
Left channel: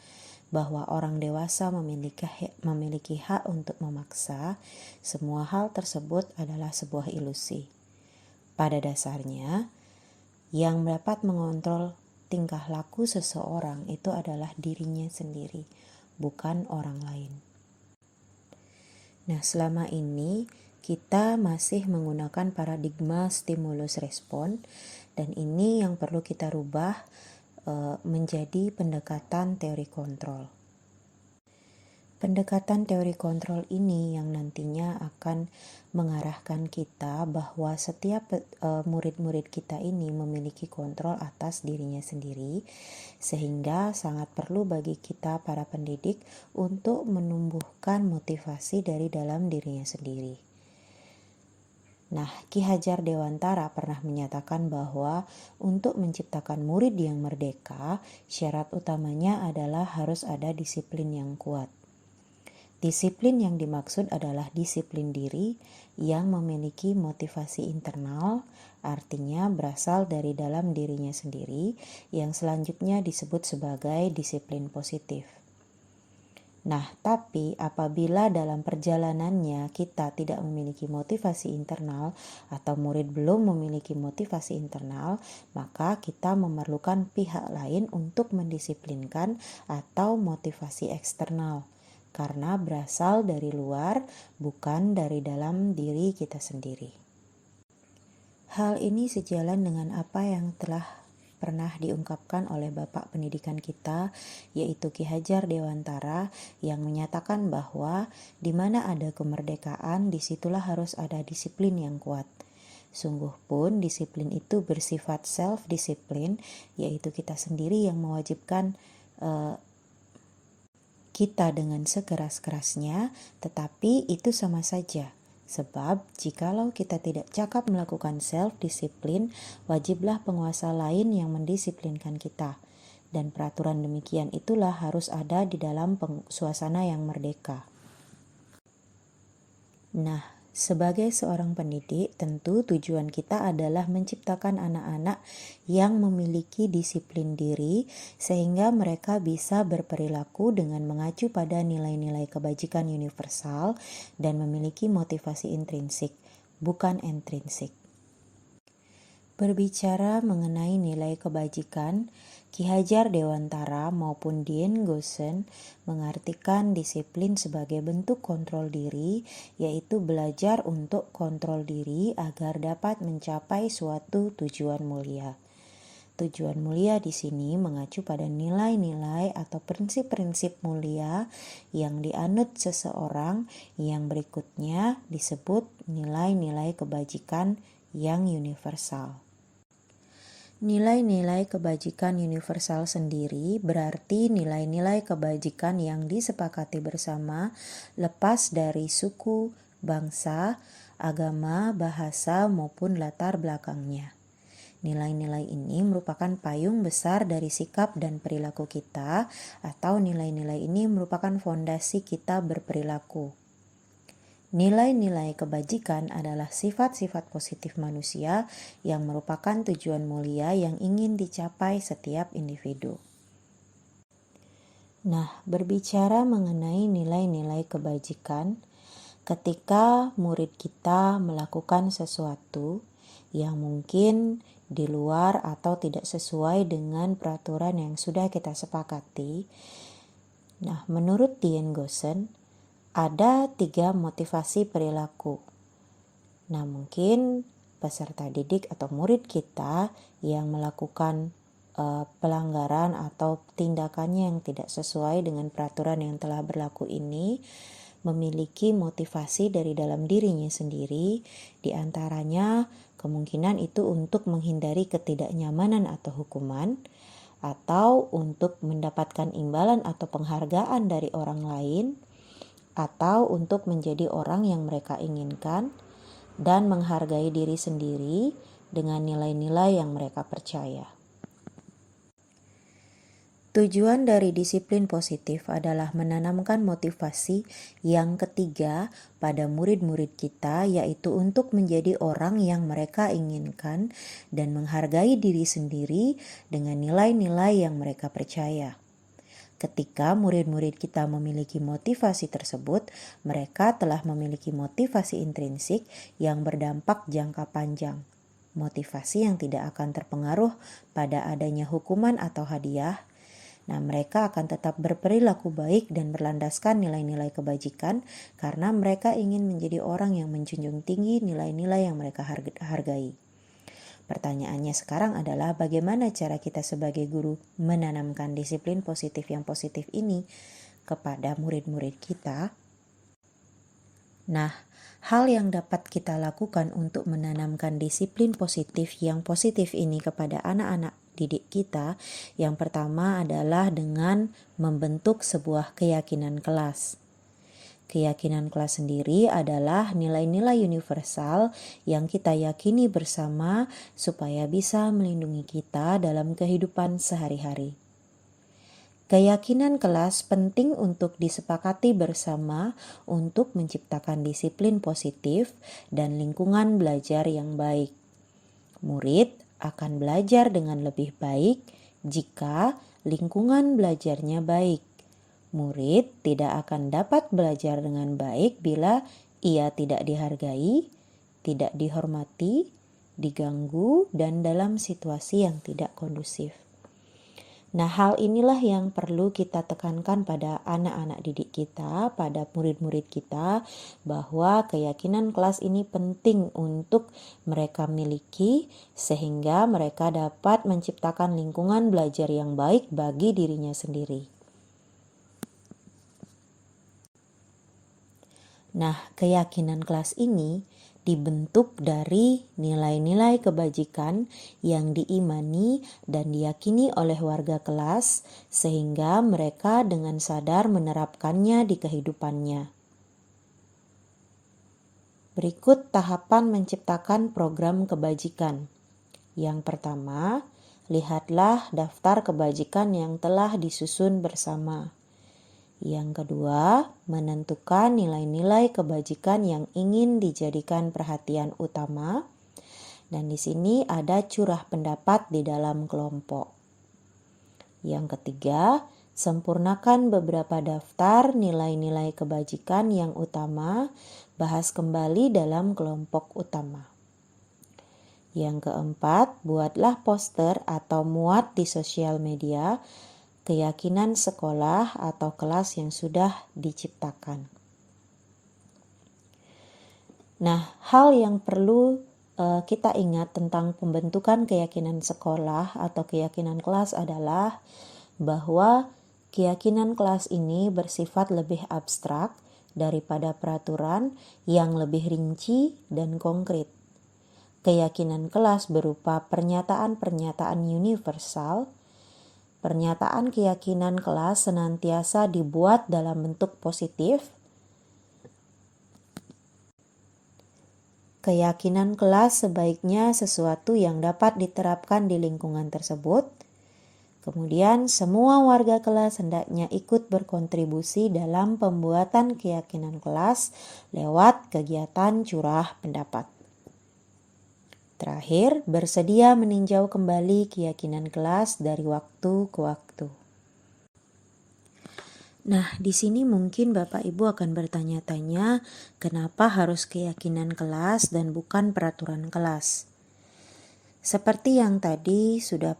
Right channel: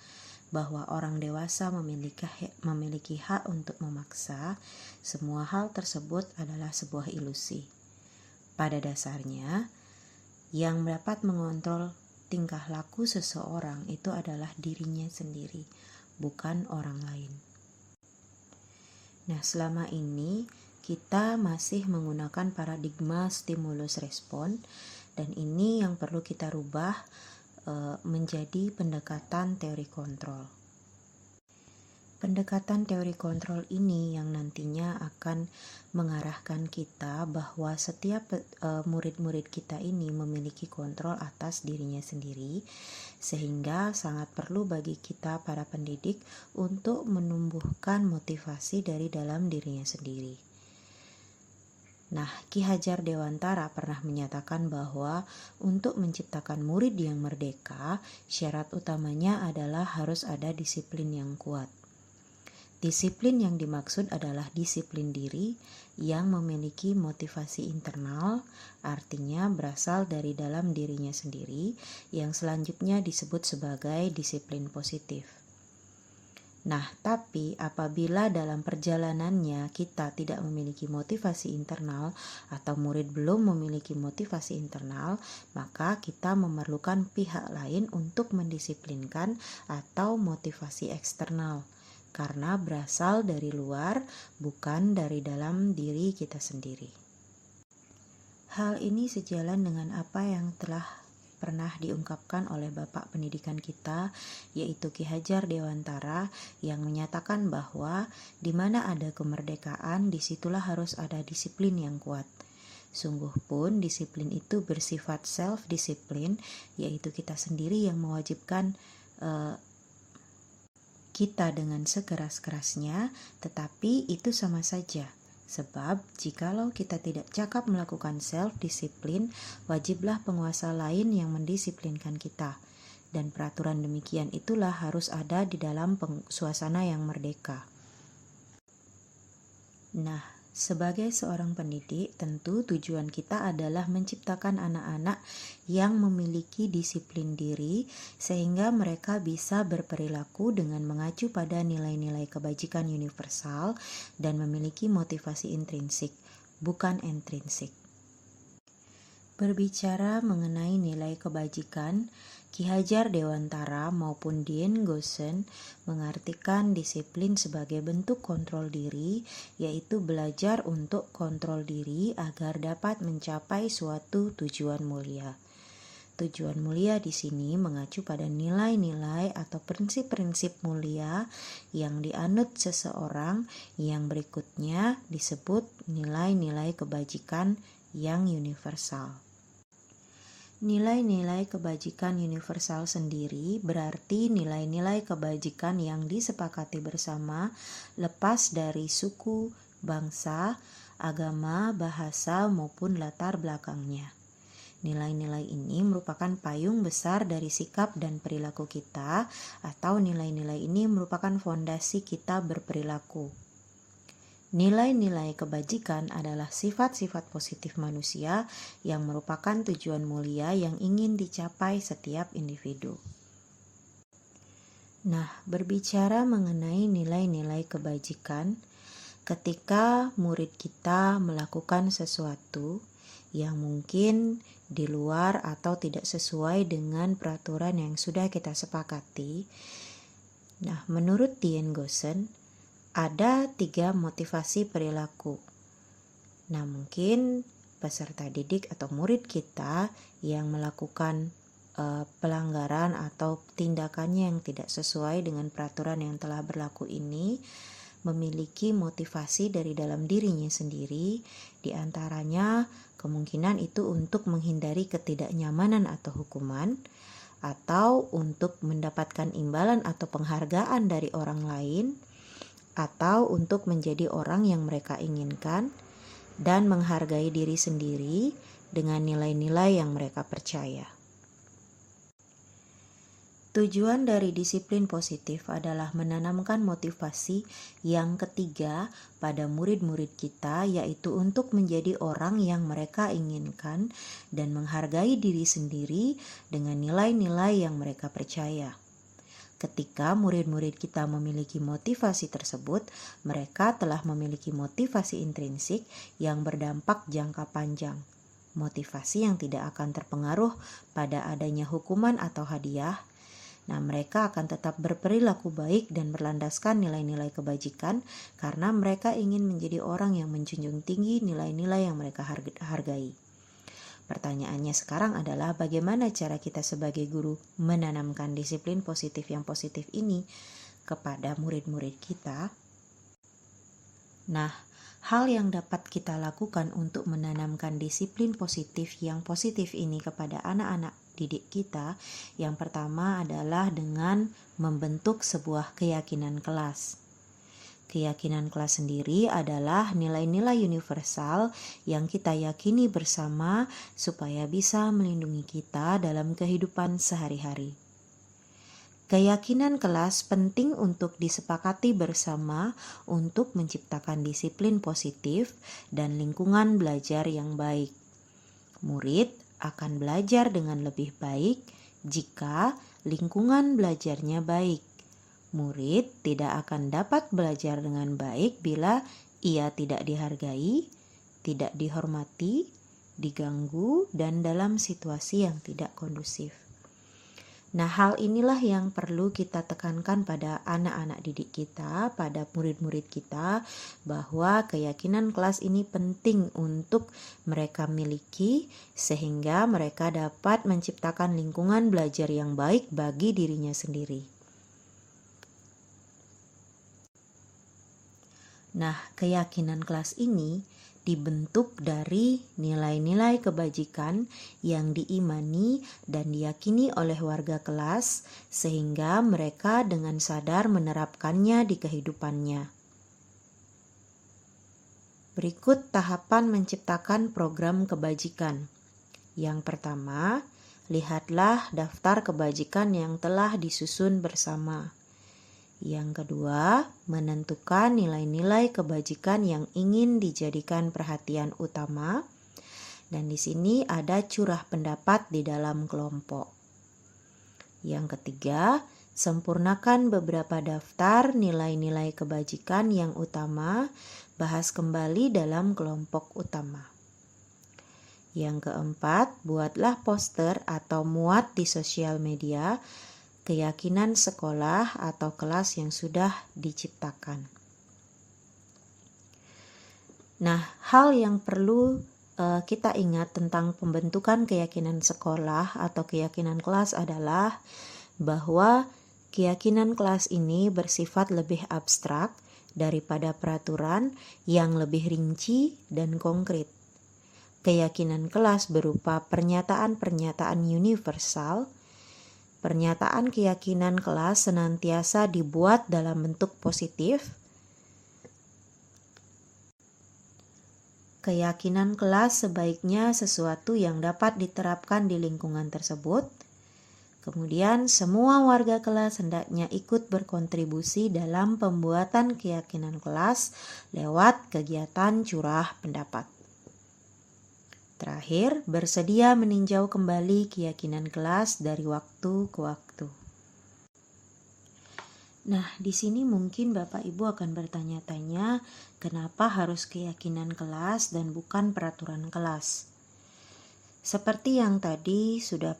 bahwa orang dewasa memiliki hak untuk memaksa. Semua hal tersebut adalah sebuah ilusi. Pada dasarnya, yang dapat mengontrol tingkah laku seseorang itu adalah dirinya sendiri, bukan orang lain. Nah, selama ini kita masih menggunakan paradigma stimulus respon, dan ini yang perlu kita rubah menjadi pendekatan teori kontrol. Pendekatan teori kontrol ini yang nantinya akan mengarahkan kita bahwa setiap murid-murid kita ini memiliki kontrol atas dirinya sendiri, sehingga sangat perlu bagi kita para pendidik untuk menumbuhkan motivasi dari dalam dirinya sendiri. Nah, Ki Hajar Dewantara pernah menyatakan bahwa untuk menciptakan murid yang merdeka, syarat utamanya adalah harus ada disiplin yang kuat. Disiplin yang dimaksud adalah disiplin diri yang memiliki motivasi internal, artinya berasal dari dalam dirinya sendiri, yang selanjutnya disebut sebagai disiplin positif. Nah, tapi apabila dalam perjalanannya kita tidak memiliki motivasi internal atau murid belum memiliki motivasi internal, maka kita memerlukan pihak lain untuk mendisiplinkan atau motivasi eksternal, karena berasal dari luar, bukan dari dalam diri kita sendiri. Hal ini sejalan dengan apa yang telah pernah diungkapkan oleh Bapak Pendidikan kita, yaitu Ki Hajar Dewantara, yang menyatakan bahwa di mana ada kemerdekaan, disitulah harus ada disiplin yang kuat. Sungguh pun disiplin itu bersifat self-disiplin, yaitu kita sendiri yang mewajibkan kita dengan sekeras-kerasnya, tetapi itu sama saja. Sebab jikalau kita tidak cakap melakukan self-disiplin, wajiblah penguasa lain yang mendisiplinkan kita. Dan peraturan demikian itulah harus ada di dalam suasana yang merdeka. Nah, sebagai seorang pendidik, tentu tujuan kita adalah menciptakan anak-anak yang memiliki disiplin diri sehingga mereka bisa berperilaku dengan mengacu pada nilai-nilai kebajikan universal dan memiliki motivasi intrinsik, bukan intrinsik. Berbicara mengenai nilai kebajikan, Ki Hajar Dewantara maupun Dien Goosen mengartikan disiplin sebagai bentuk kontrol diri, yaitu belajar untuk kontrol diri agar dapat mencapai suatu tujuan mulia. Tujuan mulia di sini mengacu pada nilai-nilai atau prinsip-prinsip mulia yang dianut seseorang, yang berikutnya disebut nilai-nilai kebajikan yang universal. Nilai-nilai kebajikan universal sendiri berarti nilai-nilai kebajikan yang disepakati bersama lepas dari suku, bangsa, agama, bahasa, maupun latar belakangnya. Nilai-nilai ini merupakan payung besar dari sikap dan perilaku kita, atau nilai-nilai ini merupakan fondasi kita berperilaku. Nilai-nilai kebajikan adalah sifat-sifat positif manusia yang merupakan tujuan mulia yang ingin dicapai setiap individu. Nah, berbicara mengenai nilai-nilai kebajikan, ketika murid kita melakukan sesuatu yang mungkin di luar atau tidak sesuai dengan peraturan yang sudah kita sepakati, nah, menurut Dien Goosen, ada 3 motivasi perilaku. Nah, mungkin peserta didik atau murid kita yang melakukan pelanggaran atau tindakannya yang tidak sesuai dengan peraturan yang telah berlaku ini memiliki motivasi dari dalam dirinya sendiri, di antaranya kemungkinan itu untuk menghindari ketidaknyamanan atau hukuman, atau untuk mendapatkan imbalan atau penghargaan dari orang lain, atau untuk menjadi orang yang mereka inginkan dan menghargai diri sendiri dengan nilai-nilai yang mereka percaya. Tujuan dari disiplin positif adalah menanamkan motivasi yang ketiga pada murid-murid kita, yaitu untuk menjadi orang yang mereka inginkan dan menghargai diri sendiri dengan nilai-nilai yang mereka percaya. Ketika murid-murid kita memiliki motivasi tersebut, mereka telah memiliki motivasi intrinsik yang berdampak jangka panjang. Motivasi yang tidak akan terpengaruh pada adanya hukuman atau hadiah, Nah, mereka akan tetap berperilaku baik dan berlandaskan nilai-nilai kebajikan karena mereka ingin menjadi orang yang menjunjung tinggi nilai-nilai yang mereka hargai. Pertanyaannya sekarang adalah bagaimana cara kita sebagai guru menanamkan disiplin positif yang positif ini kepada murid-murid kita? Nah, hal yang dapat kita lakukan untuk menanamkan disiplin positif yang positif ini kepada anak-anak didik kita, yang pertama adalah dengan membentuk sebuah keyakinan kelas. Keyakinan kelas sendiri adalah nilai-nilai universal yang kita yakini bersama supaya bisa melindungi kita dalam kehidupan sehari-hari. Keyakinan kelas penting untuk disepakati bersama untuk menciptakan disiplin positif dan lingkungan belajar yang baik. Murid akan belajar dengan lebih baik jika lingkungan belajarnya baik. Murid tidak akan dapat belajar dengan baik bila ia tidak dihargai, tidak dihormati, diganggu, dan dalam situasi yang tidak kondusif. Nah, hal inilah yang perlu kita tekankan pada anak-anak didik kita, pada murid-murid kita, bahwa keyakinan kelas ini penting untuk mereka miliki sehingga mereka dapat menciptakan lingkungan belajar yang baik bagi dirinya sendiri. Nah, keyakinan kelas ini dibentuk dari nilai-nilai kebajikan yang diimani dan diyakini oleh warga kelas sehingga mereka dengan sadar menerapkannya di kehidupannya. Berikut tahapan menciptakan program kebajikan. Yang pertama, lihatlah daftar kebajikan yang telah disusun bersama. Yang kedua, menentukan nilai-nilai kebajikan yang ingin dijadikan perhatian utama. Dan di sini ada curah pendapat di dalam kelompok. Yang ketiga, sempurnakan beberapa daftar nilai-nilai kebajikan yang utama, bahas kembali dalam kelompok utama. Yang keempat, buatlah poster atau muat di sosial media keyakinan sekolah atau kelas yang sudah diciptakan. Nah, hal yang perlu kita ingat tentang pembentukan keyakinan sekolah atau keyakinan kelas adalah bahwa keyakinan kelas ini bersifat lebih abstrak daripada peraturan yang lebih rinci dan konkret. Keyakinan kelas berupa pernyataan-pernyataan universal. Pernyataan keyakinan kelas senantiasa dibuat dalam bentuk positif. Keyakinan kelas sebaiknya sesuatu yang dapat diterapkan di lingkungan tersebut. Kemudian semua warga kelas hendaknya ikut berkontribusi dalam pembuatan keyakinan kelas lewat kegiatan curah pendapat. Terakhir, bersedia meninjau kembali keyakinan kelas dari waktu ke waktu. Nah, di sini mungkin Bapak Ibu akan bertanya-tanya, kenapa harus keyakinan kelas dan bukan peraturan kelas? Seperti yang tadi sudah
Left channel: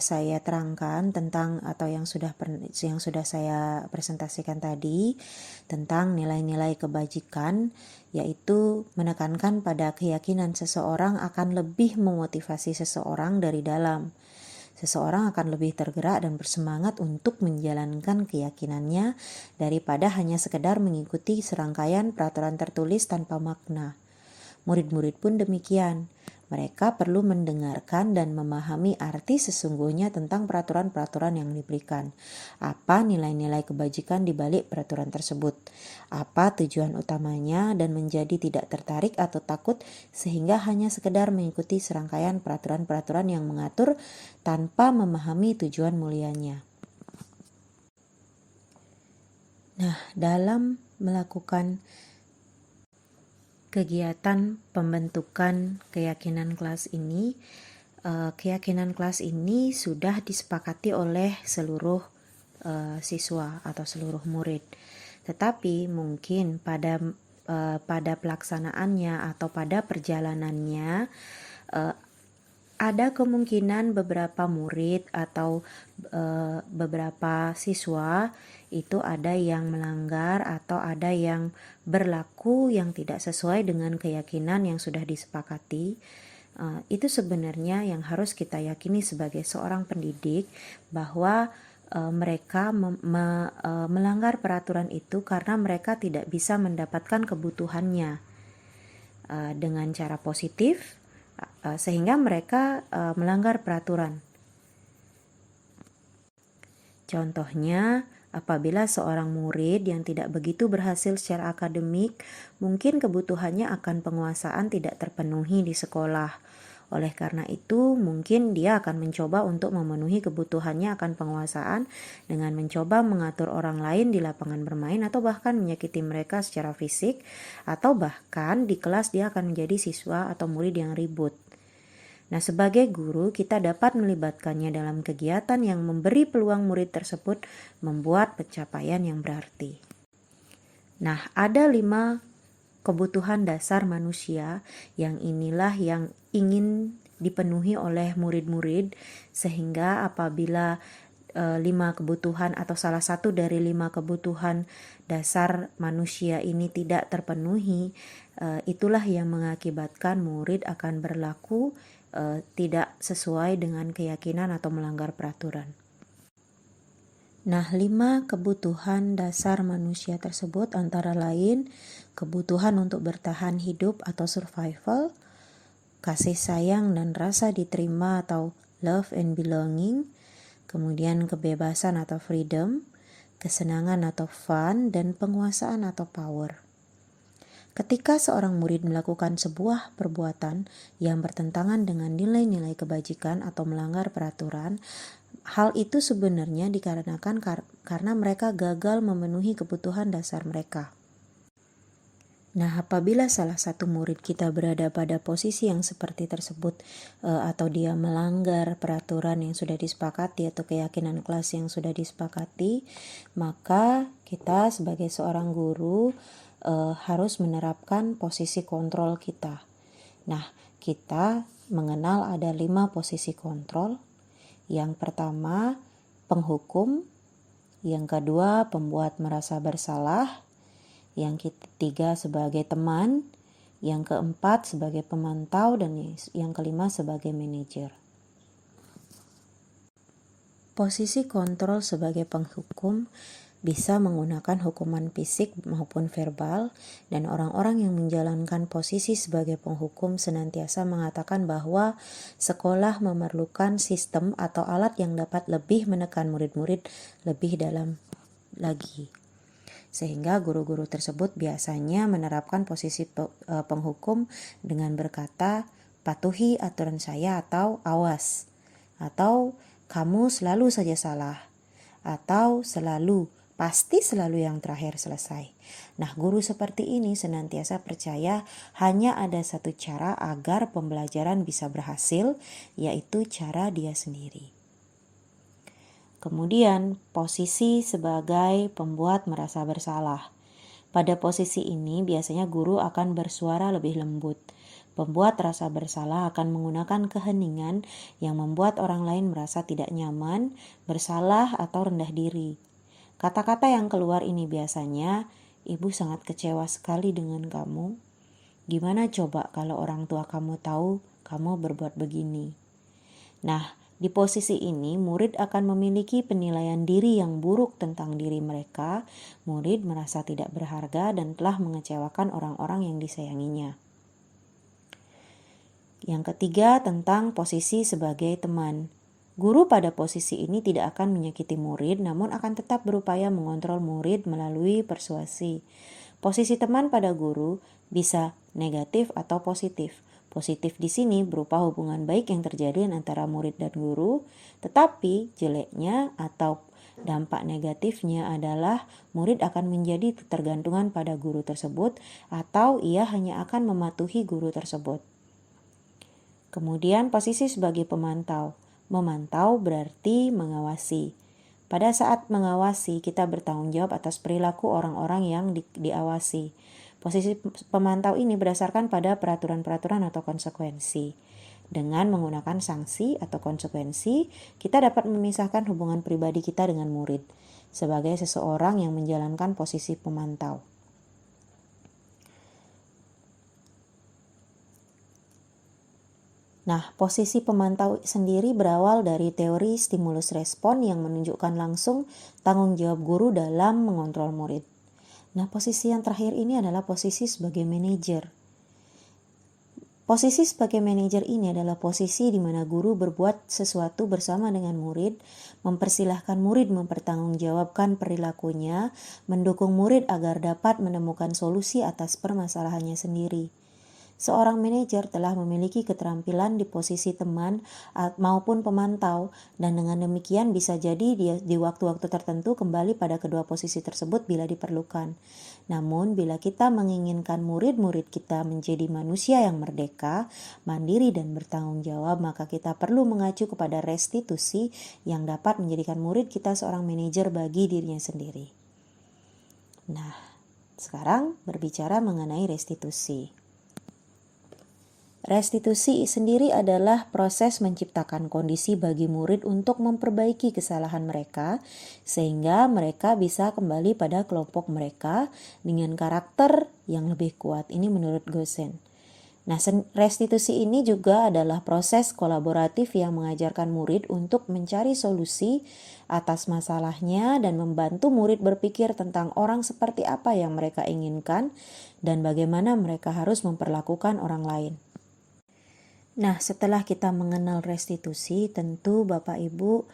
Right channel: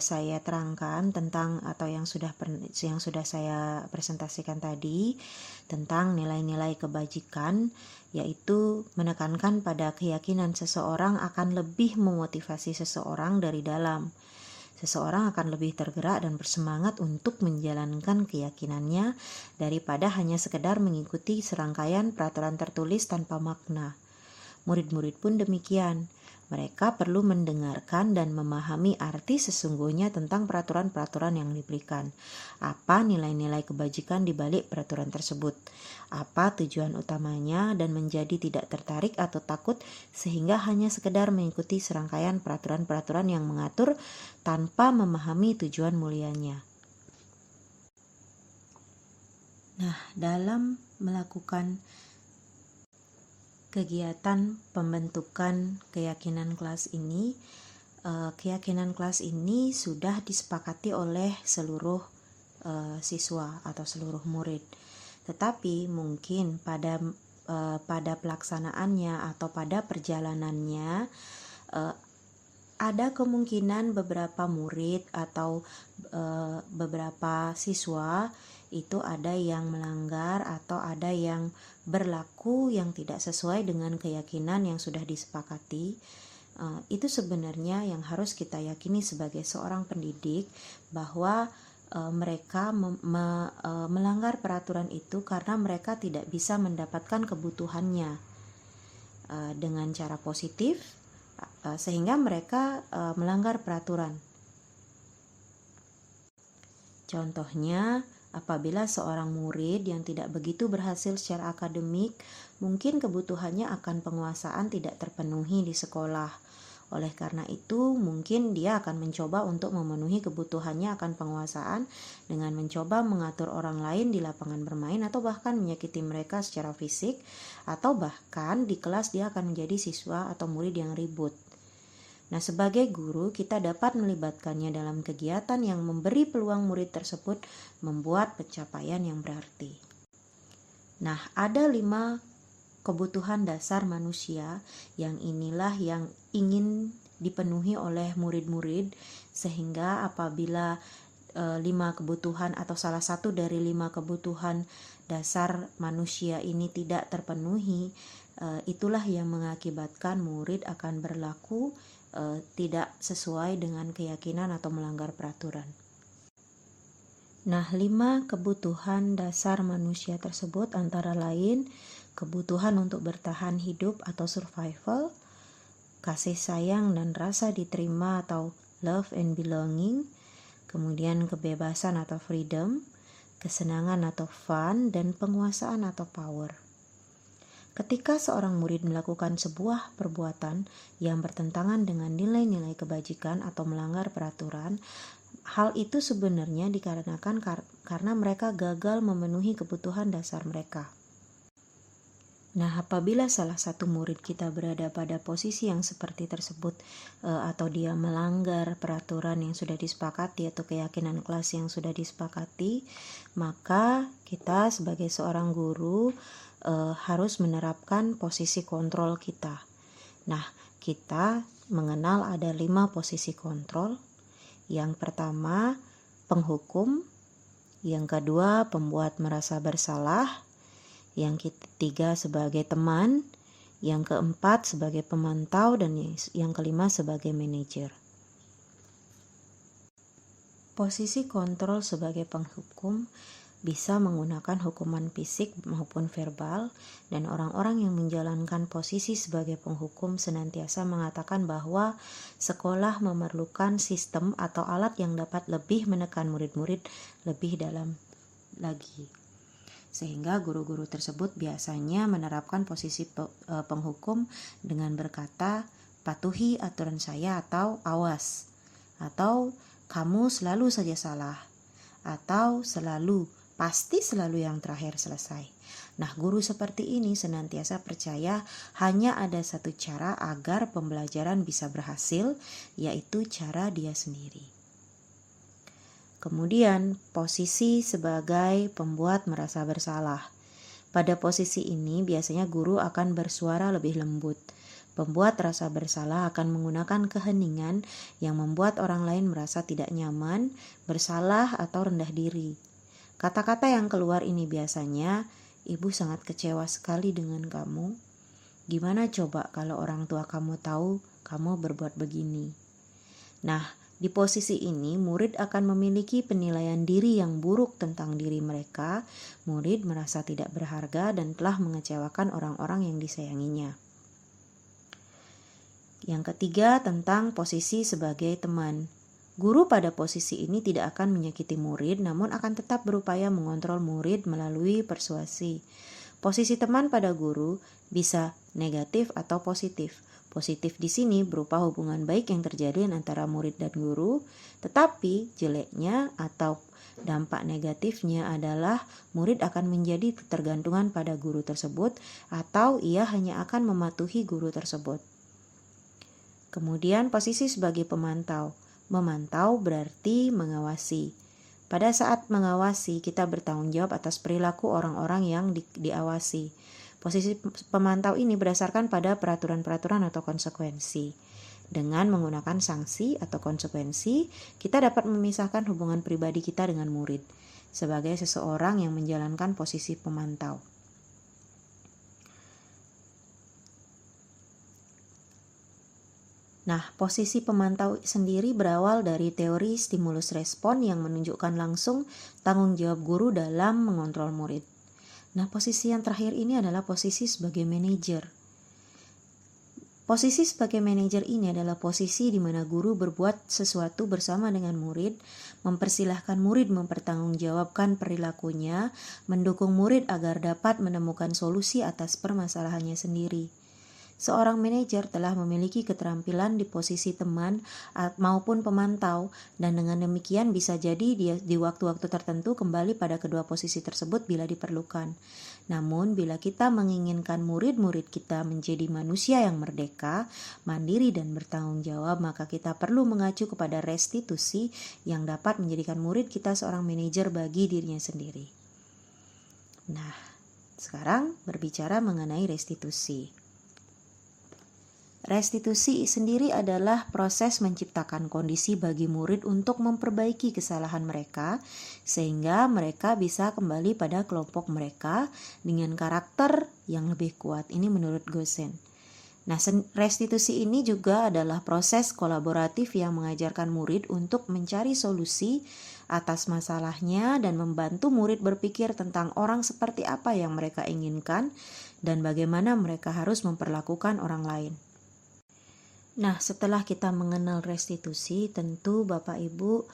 saya terangkan tentang atau yang sudah saya presentasikan tadi tentang nilai-nilai kebajikan, yaitu menekankan pada keyakinan seseorang akan lebih memotivasi seseorang dari dalam. Seseorang akan lebih tergerak dan bersemangat untuk menjalankan keyakinannya daripada hanya sekedar mengikuti serangkaian peraturan tertulis tanpa makna. Murid-murid pun demikian. Mereka perlu mendengarkan dan memahami arti sesungguhnya tentang peraturan-peraturan yang diberikan. Apa nilai-nilai kebajikan di balik peraturan tersebut? Apa tujuan utamanya dan menjadi tidak tertarik atau takut sehingga hanya sekedar mengikuti serangkaian peraturan-peraturan yang mengatur tanpa memahami tujuan mulianya. Nah, dalam melakukan kegiatan pembentukan keyakinan kelas ini, keyakinan kelas ini sudah disepakati oleh seluruh siswa atau seluruh murid. Tetapi mungkin pada pelaksanaannya atau pada perjalanannya ada kemungkinan beberapa murid atau beberapa siswa itu ada yang melanggar atau ada yang berlaku yang tidak sesuai dengan keyakinan yang sudah disepakati. Itu sebenarnya yang harus kita yakini sebagai seorang pendidik, bahwa mereka melanggar peraturan itu karena mereka tidak bisa mendapatkan kebutuhannya dengan cara positif, sehingga mereka melanggar peraturan. Contohnya, apabila seorang murid yang tidak begitu berhasil secara akademik, mungkin kebutuhannya akan penguasaan tidak terpenuhi di sekolah. Oleh karena itu, mungkin dia akan mencoba untuk memenuhi kebutuhannya akan penguasaan dengan mencoba mengatur orang lain di lapangan bermain atau bahkan menyakiti mereka secara fisik, atau bahkan di kelas dia akan menjadi siswa atau murid yang ribut. Nah, sebagai guru, kita dapat melibatkannya dalam kegiatan yang memberi peluang murid tersebut membuat pencapaian yang berarti. Nah, ada 5 kebutuhan dasar manusia yang inilah yang ingin dipenuhi oleh murid-murid, sehingga apabila 5 kebutuhan atau salah satu dari 5 kebutuhan dasar manusia ini tidak terpenuhi, itulah yang mengakibatkan murid akan berlaku tidak sesuai dengan keyakinan atau melanggar peraturan. Nah, 5 kebutuhan dasar manusia tersebut antara lain kebutuhan untuk bertahan hidup atau survival, kasih sayang dan rasa diterima atau love and belonging, kemudian kebebasan atau freedom, kesenangan atau fun, dan penguasaan atau power. Ketika seorang murid melakukan sebuah perbuatan yang bertentangan dengan nilai-nilai kebajikan atau melanggar peraturan, hal itu sebenarnya dikarenakan karena mereka gagal memenuhi kebutuhan dasar mereka. Nah, apabila salah satu murid kita berada pada posisi yang seperti tersebut, atau dia melanggar peraturan yang sudah disepakati atau keyakinan kelas yang sudah disepakati, maka kita sebagai seorang guru harus menerapkan posisi kontrol kita. Nah, kita mengenal ada 5 posisi kontrol. Yang pertama, penghukum. Yang kedua, pembuat merasa bersalah. Yang ketiga, sebagai teman. Yang keempat, sebagai pemantau. Dan yang kelima, sebagai manajer. Posisi kontrol sebagai penghukum bisa menggunakan hukuman fisik maupun verbal, dan orang-orang yang menjalankan posisi sebagai penghukum senantiasa mengatakan bahwa sekolah memerlukan sistem atau alat yang dapat lebih menekan murid-murid lebih dalam lagi. Sehingga guru-guru tersebut biasanya menerapkan posisi penghukum dengan berkata, patuhi aturan saya, atau awas, atau kamu selalu saja salah, atau pasti selalu yang terakhir selesai. Nah, guru seperti ini senantiasa percaya hanya ada satu cara agar pembelajaran bisa berhasil, yaitu cara dia sendiri. Kemudian, posisi sebagai pembuat merasa bersalah. Pada posisi ini biasanya guru akan bersuara lebih lembut. Pembuat rasa bersalah akan menggunakan keheningan yang membuat orang lain merasa tidak nyaman, bersalah, atau rendah diri. Kata-kata yang keluar ini biasanya, ibu sangat kecewa sekali dengan kamu. Gimana coba kalau orang tua kamu tahu kamu berbuat begini? Nah, di posisi ini murid akan memiliki penilaian diri yang buruk tentang diri mereka. Murid merasa tidak berharga dan telah mengecewakan orang-orang yang disayanginya. Yang ketiga, tentang posisi sebagai teman. Guru pada posisi ini tidak akan menyakiti murid, namun akan tetap berupaya mengontrol murid melalui persuasi. Posisi teman pada guru bisa negatif atau positif. Positif di sini berupa hubungan baik yang terjadi antara murid dan guru, tetapi jeleknya atau dampak negatifnya adalah murid akan menjadi ketergantungan pada guru tersebut, atau ia hanya akan mematuhi guru tersebut. Kemudian posisi sebagai pemantau. Memantau berarti mengawasi. Pada saat mengawasi, kita bertanggung jawab atas perilaku orang-orang yang diawasi. Posisi pemantau ini berdasarkan pada peraturan-peraturan atau konsekuensi. Dengan menggunakan sanksi atau konsekuensi, kita dapat memisahkan hubungan pribadi kita dengan murid sebagai seseorang yang menjalankan posisi pemantau. Nah, posisi pemantau sendiri berawal dari teori stimulus respon yang menunjukkan langsung tanggung jawab guru dalam mengontrol murid. Nah, posisi yang terakhir ini adalah posisi sebagai manajer. Posisi sebagai manajer ini adalah posisi di mana guru berbuat sesuatu bersama dengan murid, mempersilahkan murid mempertanggungjawabkan perilakunya, mendukung murid agar dapat menemukan solusi atas permasalahannya sendiri. Seorang manajer telah memiliki keterampilan di posisi teman maupun pemantau, dan dengan demikian bisa jadi dia di waktu-waktu tertentu kembali pada kedua posisi tersebut bila diperlukan. Namun bila kita menginginkan murid-murid kita menjadi manusia yang merdeka, mandiri dan bertanggung jawab, maka kita perlu mengacu kepada restitusi yang dapat menjadikan murid kita seorang manajer bagi dirinya sendiri. Nah, sekarang berbicara mengenai restitusi. Restitusi sendiri adalah proses menciptakan kondisi bagi murid untuk memperbaiki kesalahan mereka sehingga mereka bisa kembali pada kelompok mereka dengan karakter yang lebih kuat. Ini menurut Gosen. Nah, restitusi ini juga adalah proses kolaboratif yang mengajarkan murid untuk mencari solusi atas masalahnya dan membantu murid berpikir tentang orang seperti apa yang mereka inginkan dan bagaimana mereka harus memperlakukan orang lain. Nah, setelah kita mengenal restitusi, tentu Bapak Ibu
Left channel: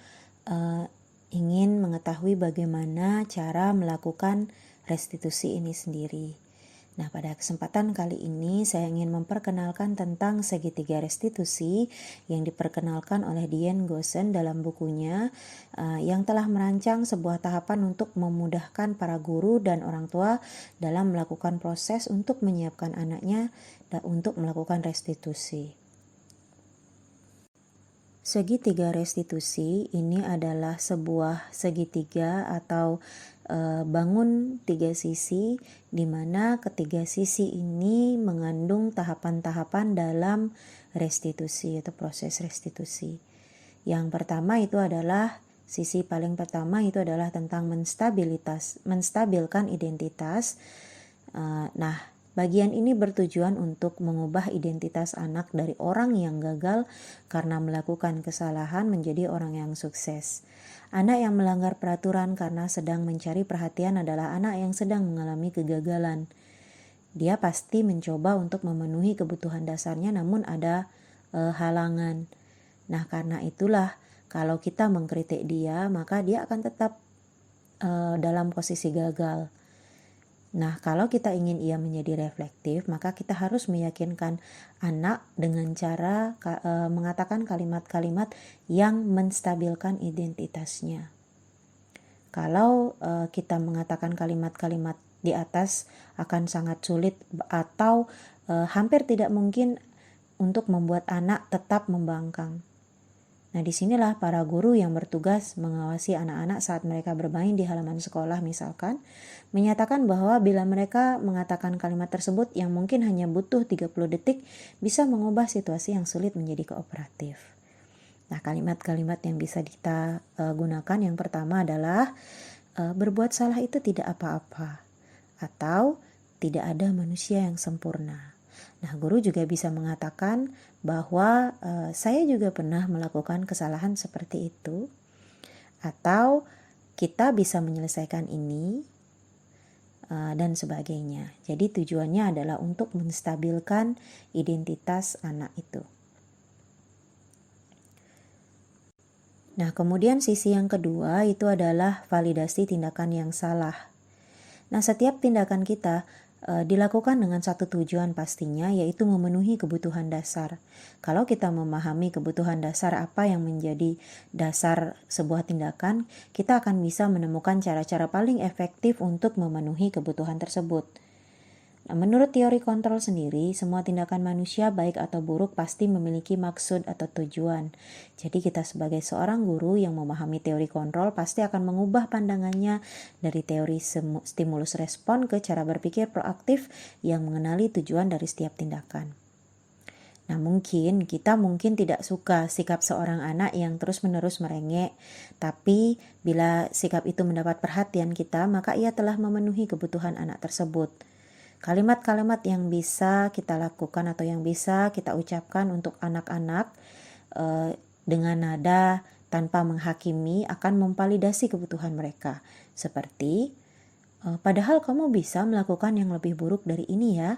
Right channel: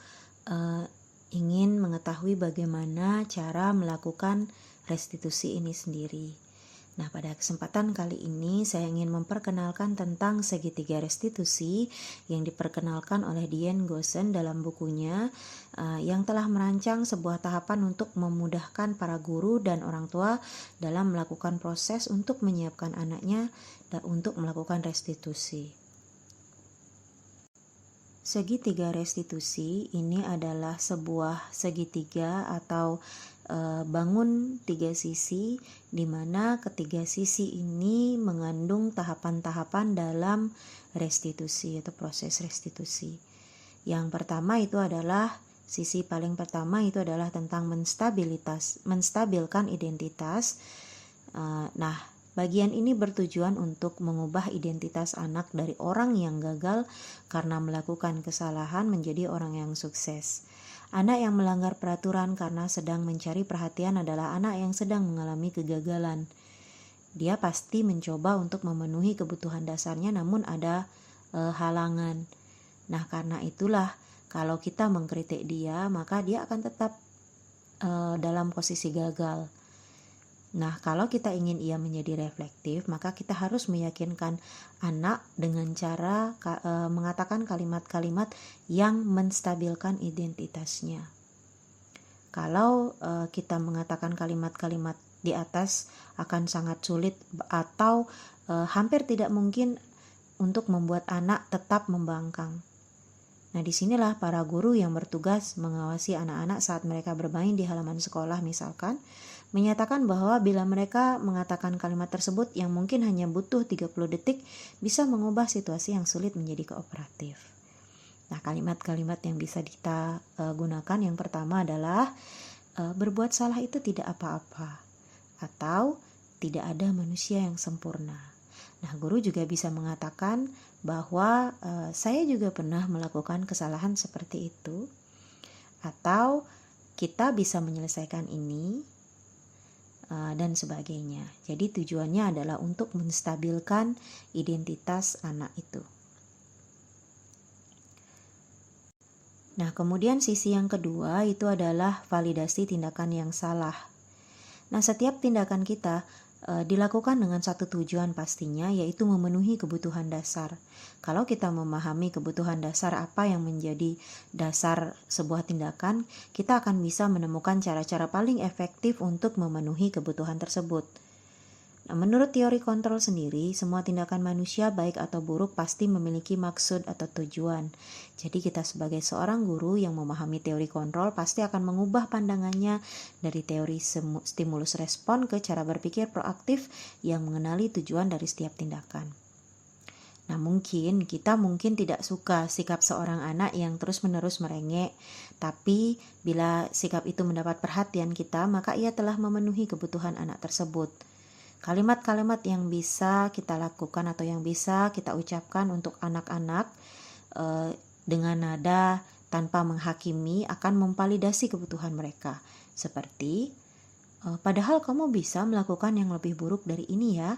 ingin mengetahui bagaimana cara melakukan restitusi ini sendiri. Nah, pada kesempatan kali ini saya ingin memperkenalkan tentang segitiga restitusi yang diperkenalkan oleh Diane Gosen dalam bukunya yang telah merancang sebuah tahapan untuk memudahkan para guru dan orang tua dalam melakukan proses untuk menyiapkan anaknya untuk melakukan restitusi. Segitiga restitusi ini adalah sebuah segitiga atau bangun tiga sisi, di mana ketiga sisi ini mengandung tahapan-tahapan dalam restitusi atau proses restitusi. Yang pertama itu adalah sisi paling pertama itu adalah tentang menstabilkan identitas. Nah, bagian ini bertujuan untuk mengubah identitas anak dari orang yang gagal karena melakukan kesalahan menjadi orang yang sukses. Anak yang melanggar peraturan karena sedang mencari perhatian adalah anak yang sedang mengalami kegagalan. Dia pasti mencoba untuk memenuhi kebutuhan dasarnya namun ada halangan. Nah, karena itulah kalau kita mengkritik dia, maka dia akan tetap dalam posisi gagal. Nah, kalau kita ingin ia menjadi reflektif, maka kita harus meyakinkan anak dengan cara mengatakan kalimat-kalimat yang menstabilkan identitasnya. Kalau kita mengatakan kalimat-kalimat di atas akan sangat sulit atau hampir tidak mungkin untuk membuat anak tetap membangkang. Nah, disinilah para guru yang bertugas mengawasi anak-anak saat mereka bermain di halaman sekolah misalkan, menyatakan bahwa bila mereka mengatakan kalimat tersebut yang mungkin hanya butuh 30 detik bisa mengubah situasi yang sulit menjadi kooperatif. Nah, kalimat-kalimat yang bisa kita gunakan yang pertama adalah berbuat salah itu tidak apa-apa atau tidak ada manusia yang sempurna. Nah, guru juga bisa mengatakan bahwa saya juga pernah melakukan kesalahan seperti itu, atau kita bisa menyelesaikan ini dan sebagainya. Jadi tujuannya adalah untuk menstabilkan identitas anak itu. Nah, kemudian sisi yang kedua itu adalah validasi tindakan yang salah. Nah, setiap tindakan kita dilakukan dengan satu tujuan pastinya, yaitu memenuhi kebutuhan dasar. Kalau kita memahami kebutuhan dasar apa yang menjadi dasar sebuah tindakan, kita akan bisa menemukan cara-cara paling efektif untuk memenuhi kebutuhan tersebut. Nah, menurut teori kontrol sendiri, semua tindakan manusia baik atau buruk pasti memiliki maksud atau tujuan. Jadi kita sebagai seorang guru yang memahami teori kontrol pasti akan mengubah pandangannya dari teori stimulus respon ke cara berpikir proaktif yang mengenali tujuan dari setiap tindakan. Nah, kita mungkin tidak suka sikap seorang anak yang terus-menerus merengek, tapi bila sikap itu mendapat perhatian kita, maka ia telah memenuhi kebutuhan anak tersebut. Kalimat-kalimat yang bisa kita lakukan atau yang bisa kita ucapkan untuk anak-anak dengan nada tanpa menghakimi akan memvalidasi kebutuhan mereka. Seperti, padahal kamu bisa melakukan yang lebih buruk dari ini ya.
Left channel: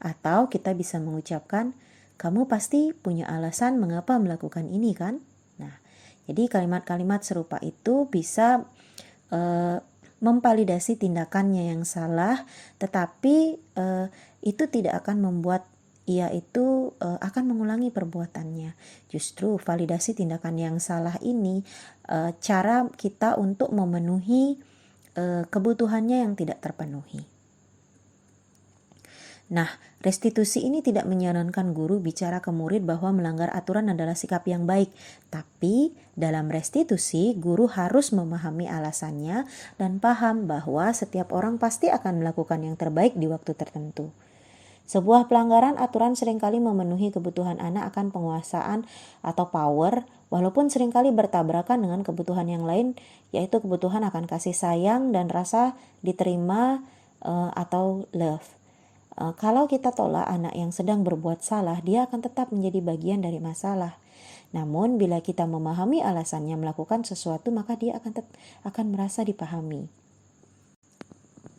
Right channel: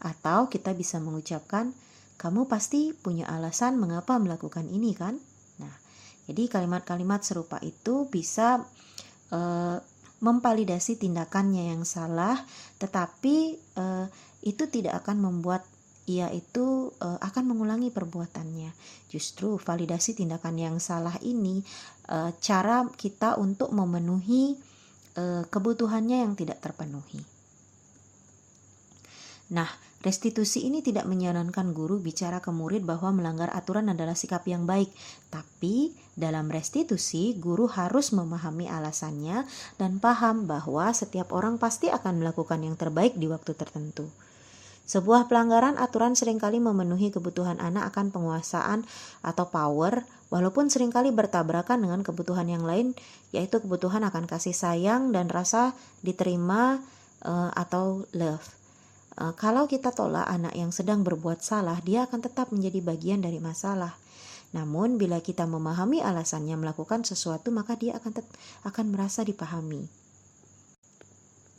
Atau kita bisa mengucapkan, kamu pasti punya alasan mengapa melakukan ini kan? Nah, jadi kalimat-kalimat serupa itu bisa memvalidasi tindakannya yang salah, tetapi itu tidak akan membuat ia itu akan mengulangi perbuatannya. Justru validasi tindakan yang salah ini cara kita untuk memenuhi kebutuhannya yang tidak terpenuhi. Nah, restitusi ini tidak menyarankan guru bicara ke murid bahwa melanggar aturan adalah sikap yang baik. Tapi dalam restitusi, guru harus memahami alasannya dan paham bahwa setiap orang pasti akan melakukan yang terbaik di waktu tertentu. Sebuah pelanggaran aturan seringkali memenuhi kebutuhan anak akan penguasaan atau power, walaupun seringkali bertabrakan dengan kebutuhan yang lain, yaitu kebutuhan akan kasih sayang dan rasa diterima atau love. Kalau kita tolak anak yang sedang berbuat salah, dia akan tetap menjadi bagian dari masalah. Namun bila kita memahami alasannya melakukan sesuatu, maka dia akan merasa dipahami.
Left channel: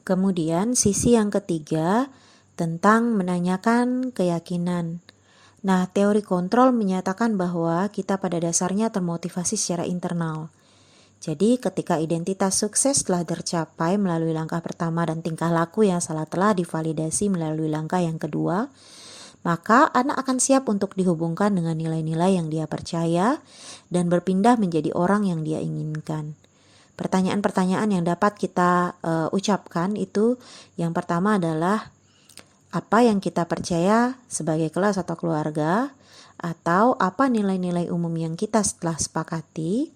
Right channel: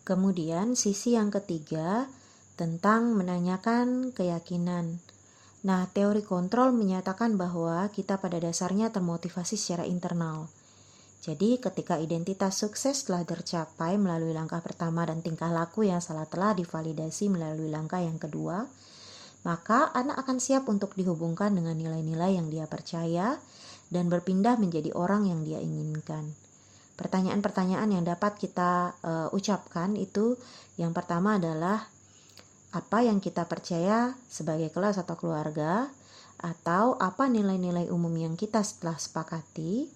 Kemudian sisi yang ketiga tentang menanyakan keyakinan. Nah, teori kontrol menyatakan bahwa kita pada dasarnya termotivasi secara internal. Jadi ketika identitas sukses telah tercapai melalui langkah pertama dan tingkah laku yang salah telah divalidasi melalui langkah yang kedua, maka anak akan siap untuk dihubungkan dengan nilai-nilai yang dia percaya dan berpindah menjadi orang yang dia inginkan. Pertanyaan-pertanyaan yang dapat kita ucapkan itu yang pertama adalah apa yang kita percaya sebagai kelas atau keluarga, atau apa nilai-nilai umum yang kita telah sepakati,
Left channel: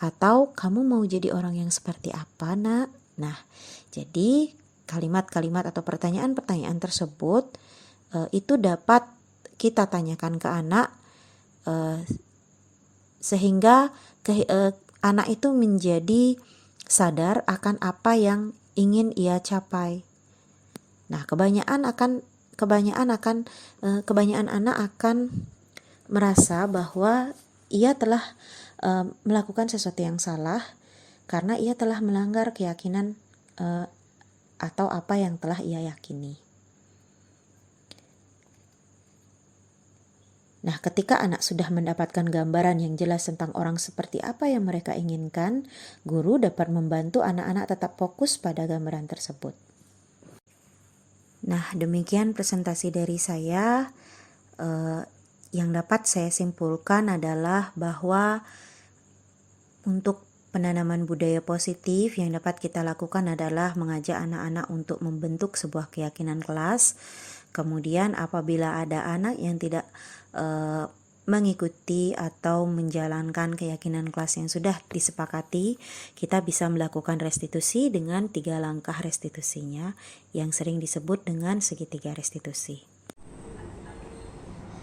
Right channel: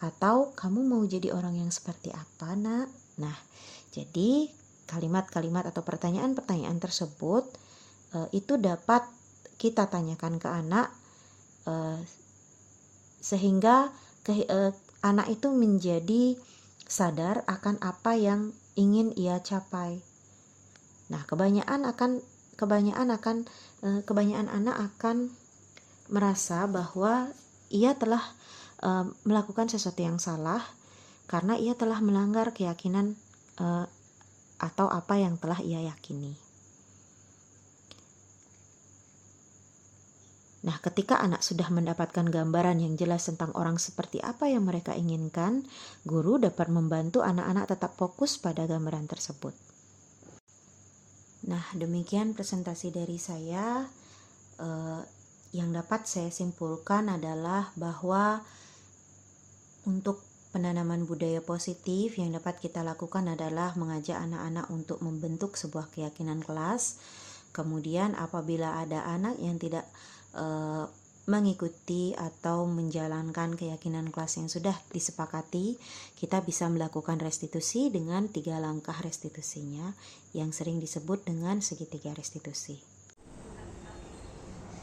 atau kamu mau jadi orang yang seperti apa, nak? Nah, jadi kalimat-kalimat atau pertanyaan-pertanyaan tersebut itu dapat kita tanyakan ke anak sehingga anak itu menjadi sadar akan apa yang ingin ia capai. Nah, kebanyakan anak akan merasa bahwa ia telah melakukan sesuatu yang salah karena ia telah melanggar keyakinan atau apa yang telah ia yakini. Nah, ketika anak sudah mendapatkan gambaran yang jelas tentang orang seperti apa yang mereka inginkan, guru dapat membantu anak-anak tetap fokus pada gambaran tersebut. Nah, demikian presentasi dari saya. Yang dapat saya simpulkan adalah bahwa untuk penanaman budaya positif yang dapat kita lakukan adalah mengajak anak-anak untuk membentuk sebuah keyakinan kelas. Kemudian apabila ada anak yang tidak mengikuti atau menjalankan keyakinan kelas yang sudah disepakati, kita bisa melakukan restitusi dengan 3 langkah restitusinya yang sering disebut dengan segitiga restitusi.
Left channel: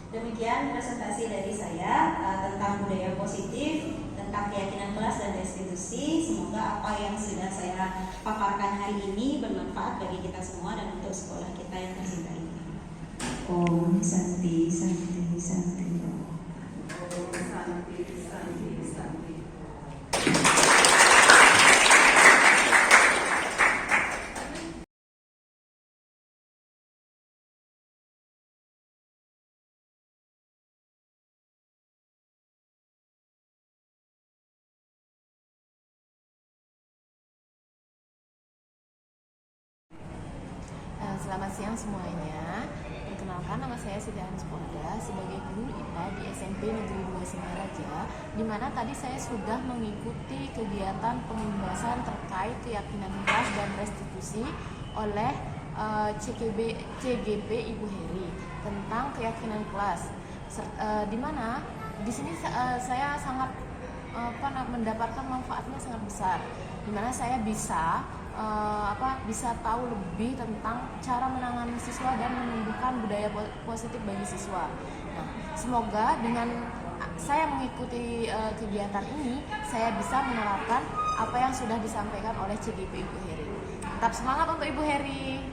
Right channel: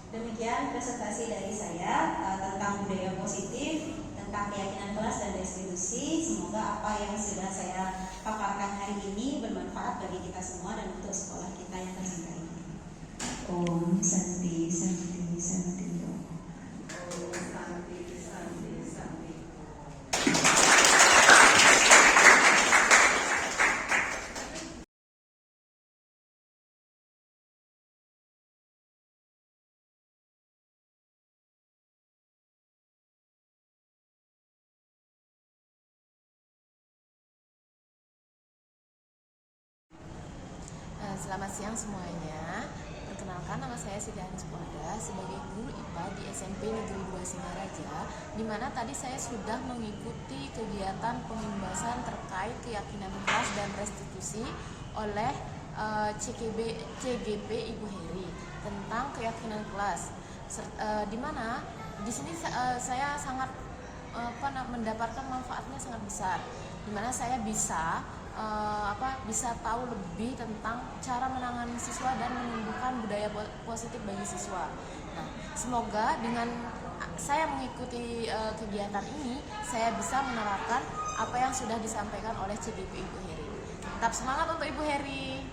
Demikian presentasi dari saya tentang budaya positif, tentang keyakinan kelas dan restitusi. Semoga apa yang sudah saya paparkan hari ini bermanfaat bagi kita semua dan untuk sekolah kita yang tercinta ini. Om Santi Santi Santi. Om Santi Santi Santi. Selamat siang semuanya. Perkenalkan, nama saya Siti Hanis Puada sebagai guru IPA di SMP Negeri 2 Singaraja, di mana tadi saya sudah mengikuti kegiatan pembahasan terkait keyakinan kelas dan restitusi oleh CGP Ibu Heri tentang keyakinan kelas. Di mana di sini saya sangat mendapatkan manfaatnya sangat besar, di mana saya bisa bisa tahu lebih tentang cara menangani siswa dan menumbuhkan budaya positif bagi siswa. Nah, semoga dengan saya mengikuti kegiatan ini, saya bisa menerapkan apa yang sudah disampaikan oleh CGP Ibu Heri. Tetap semangat untuk Ibu Heri.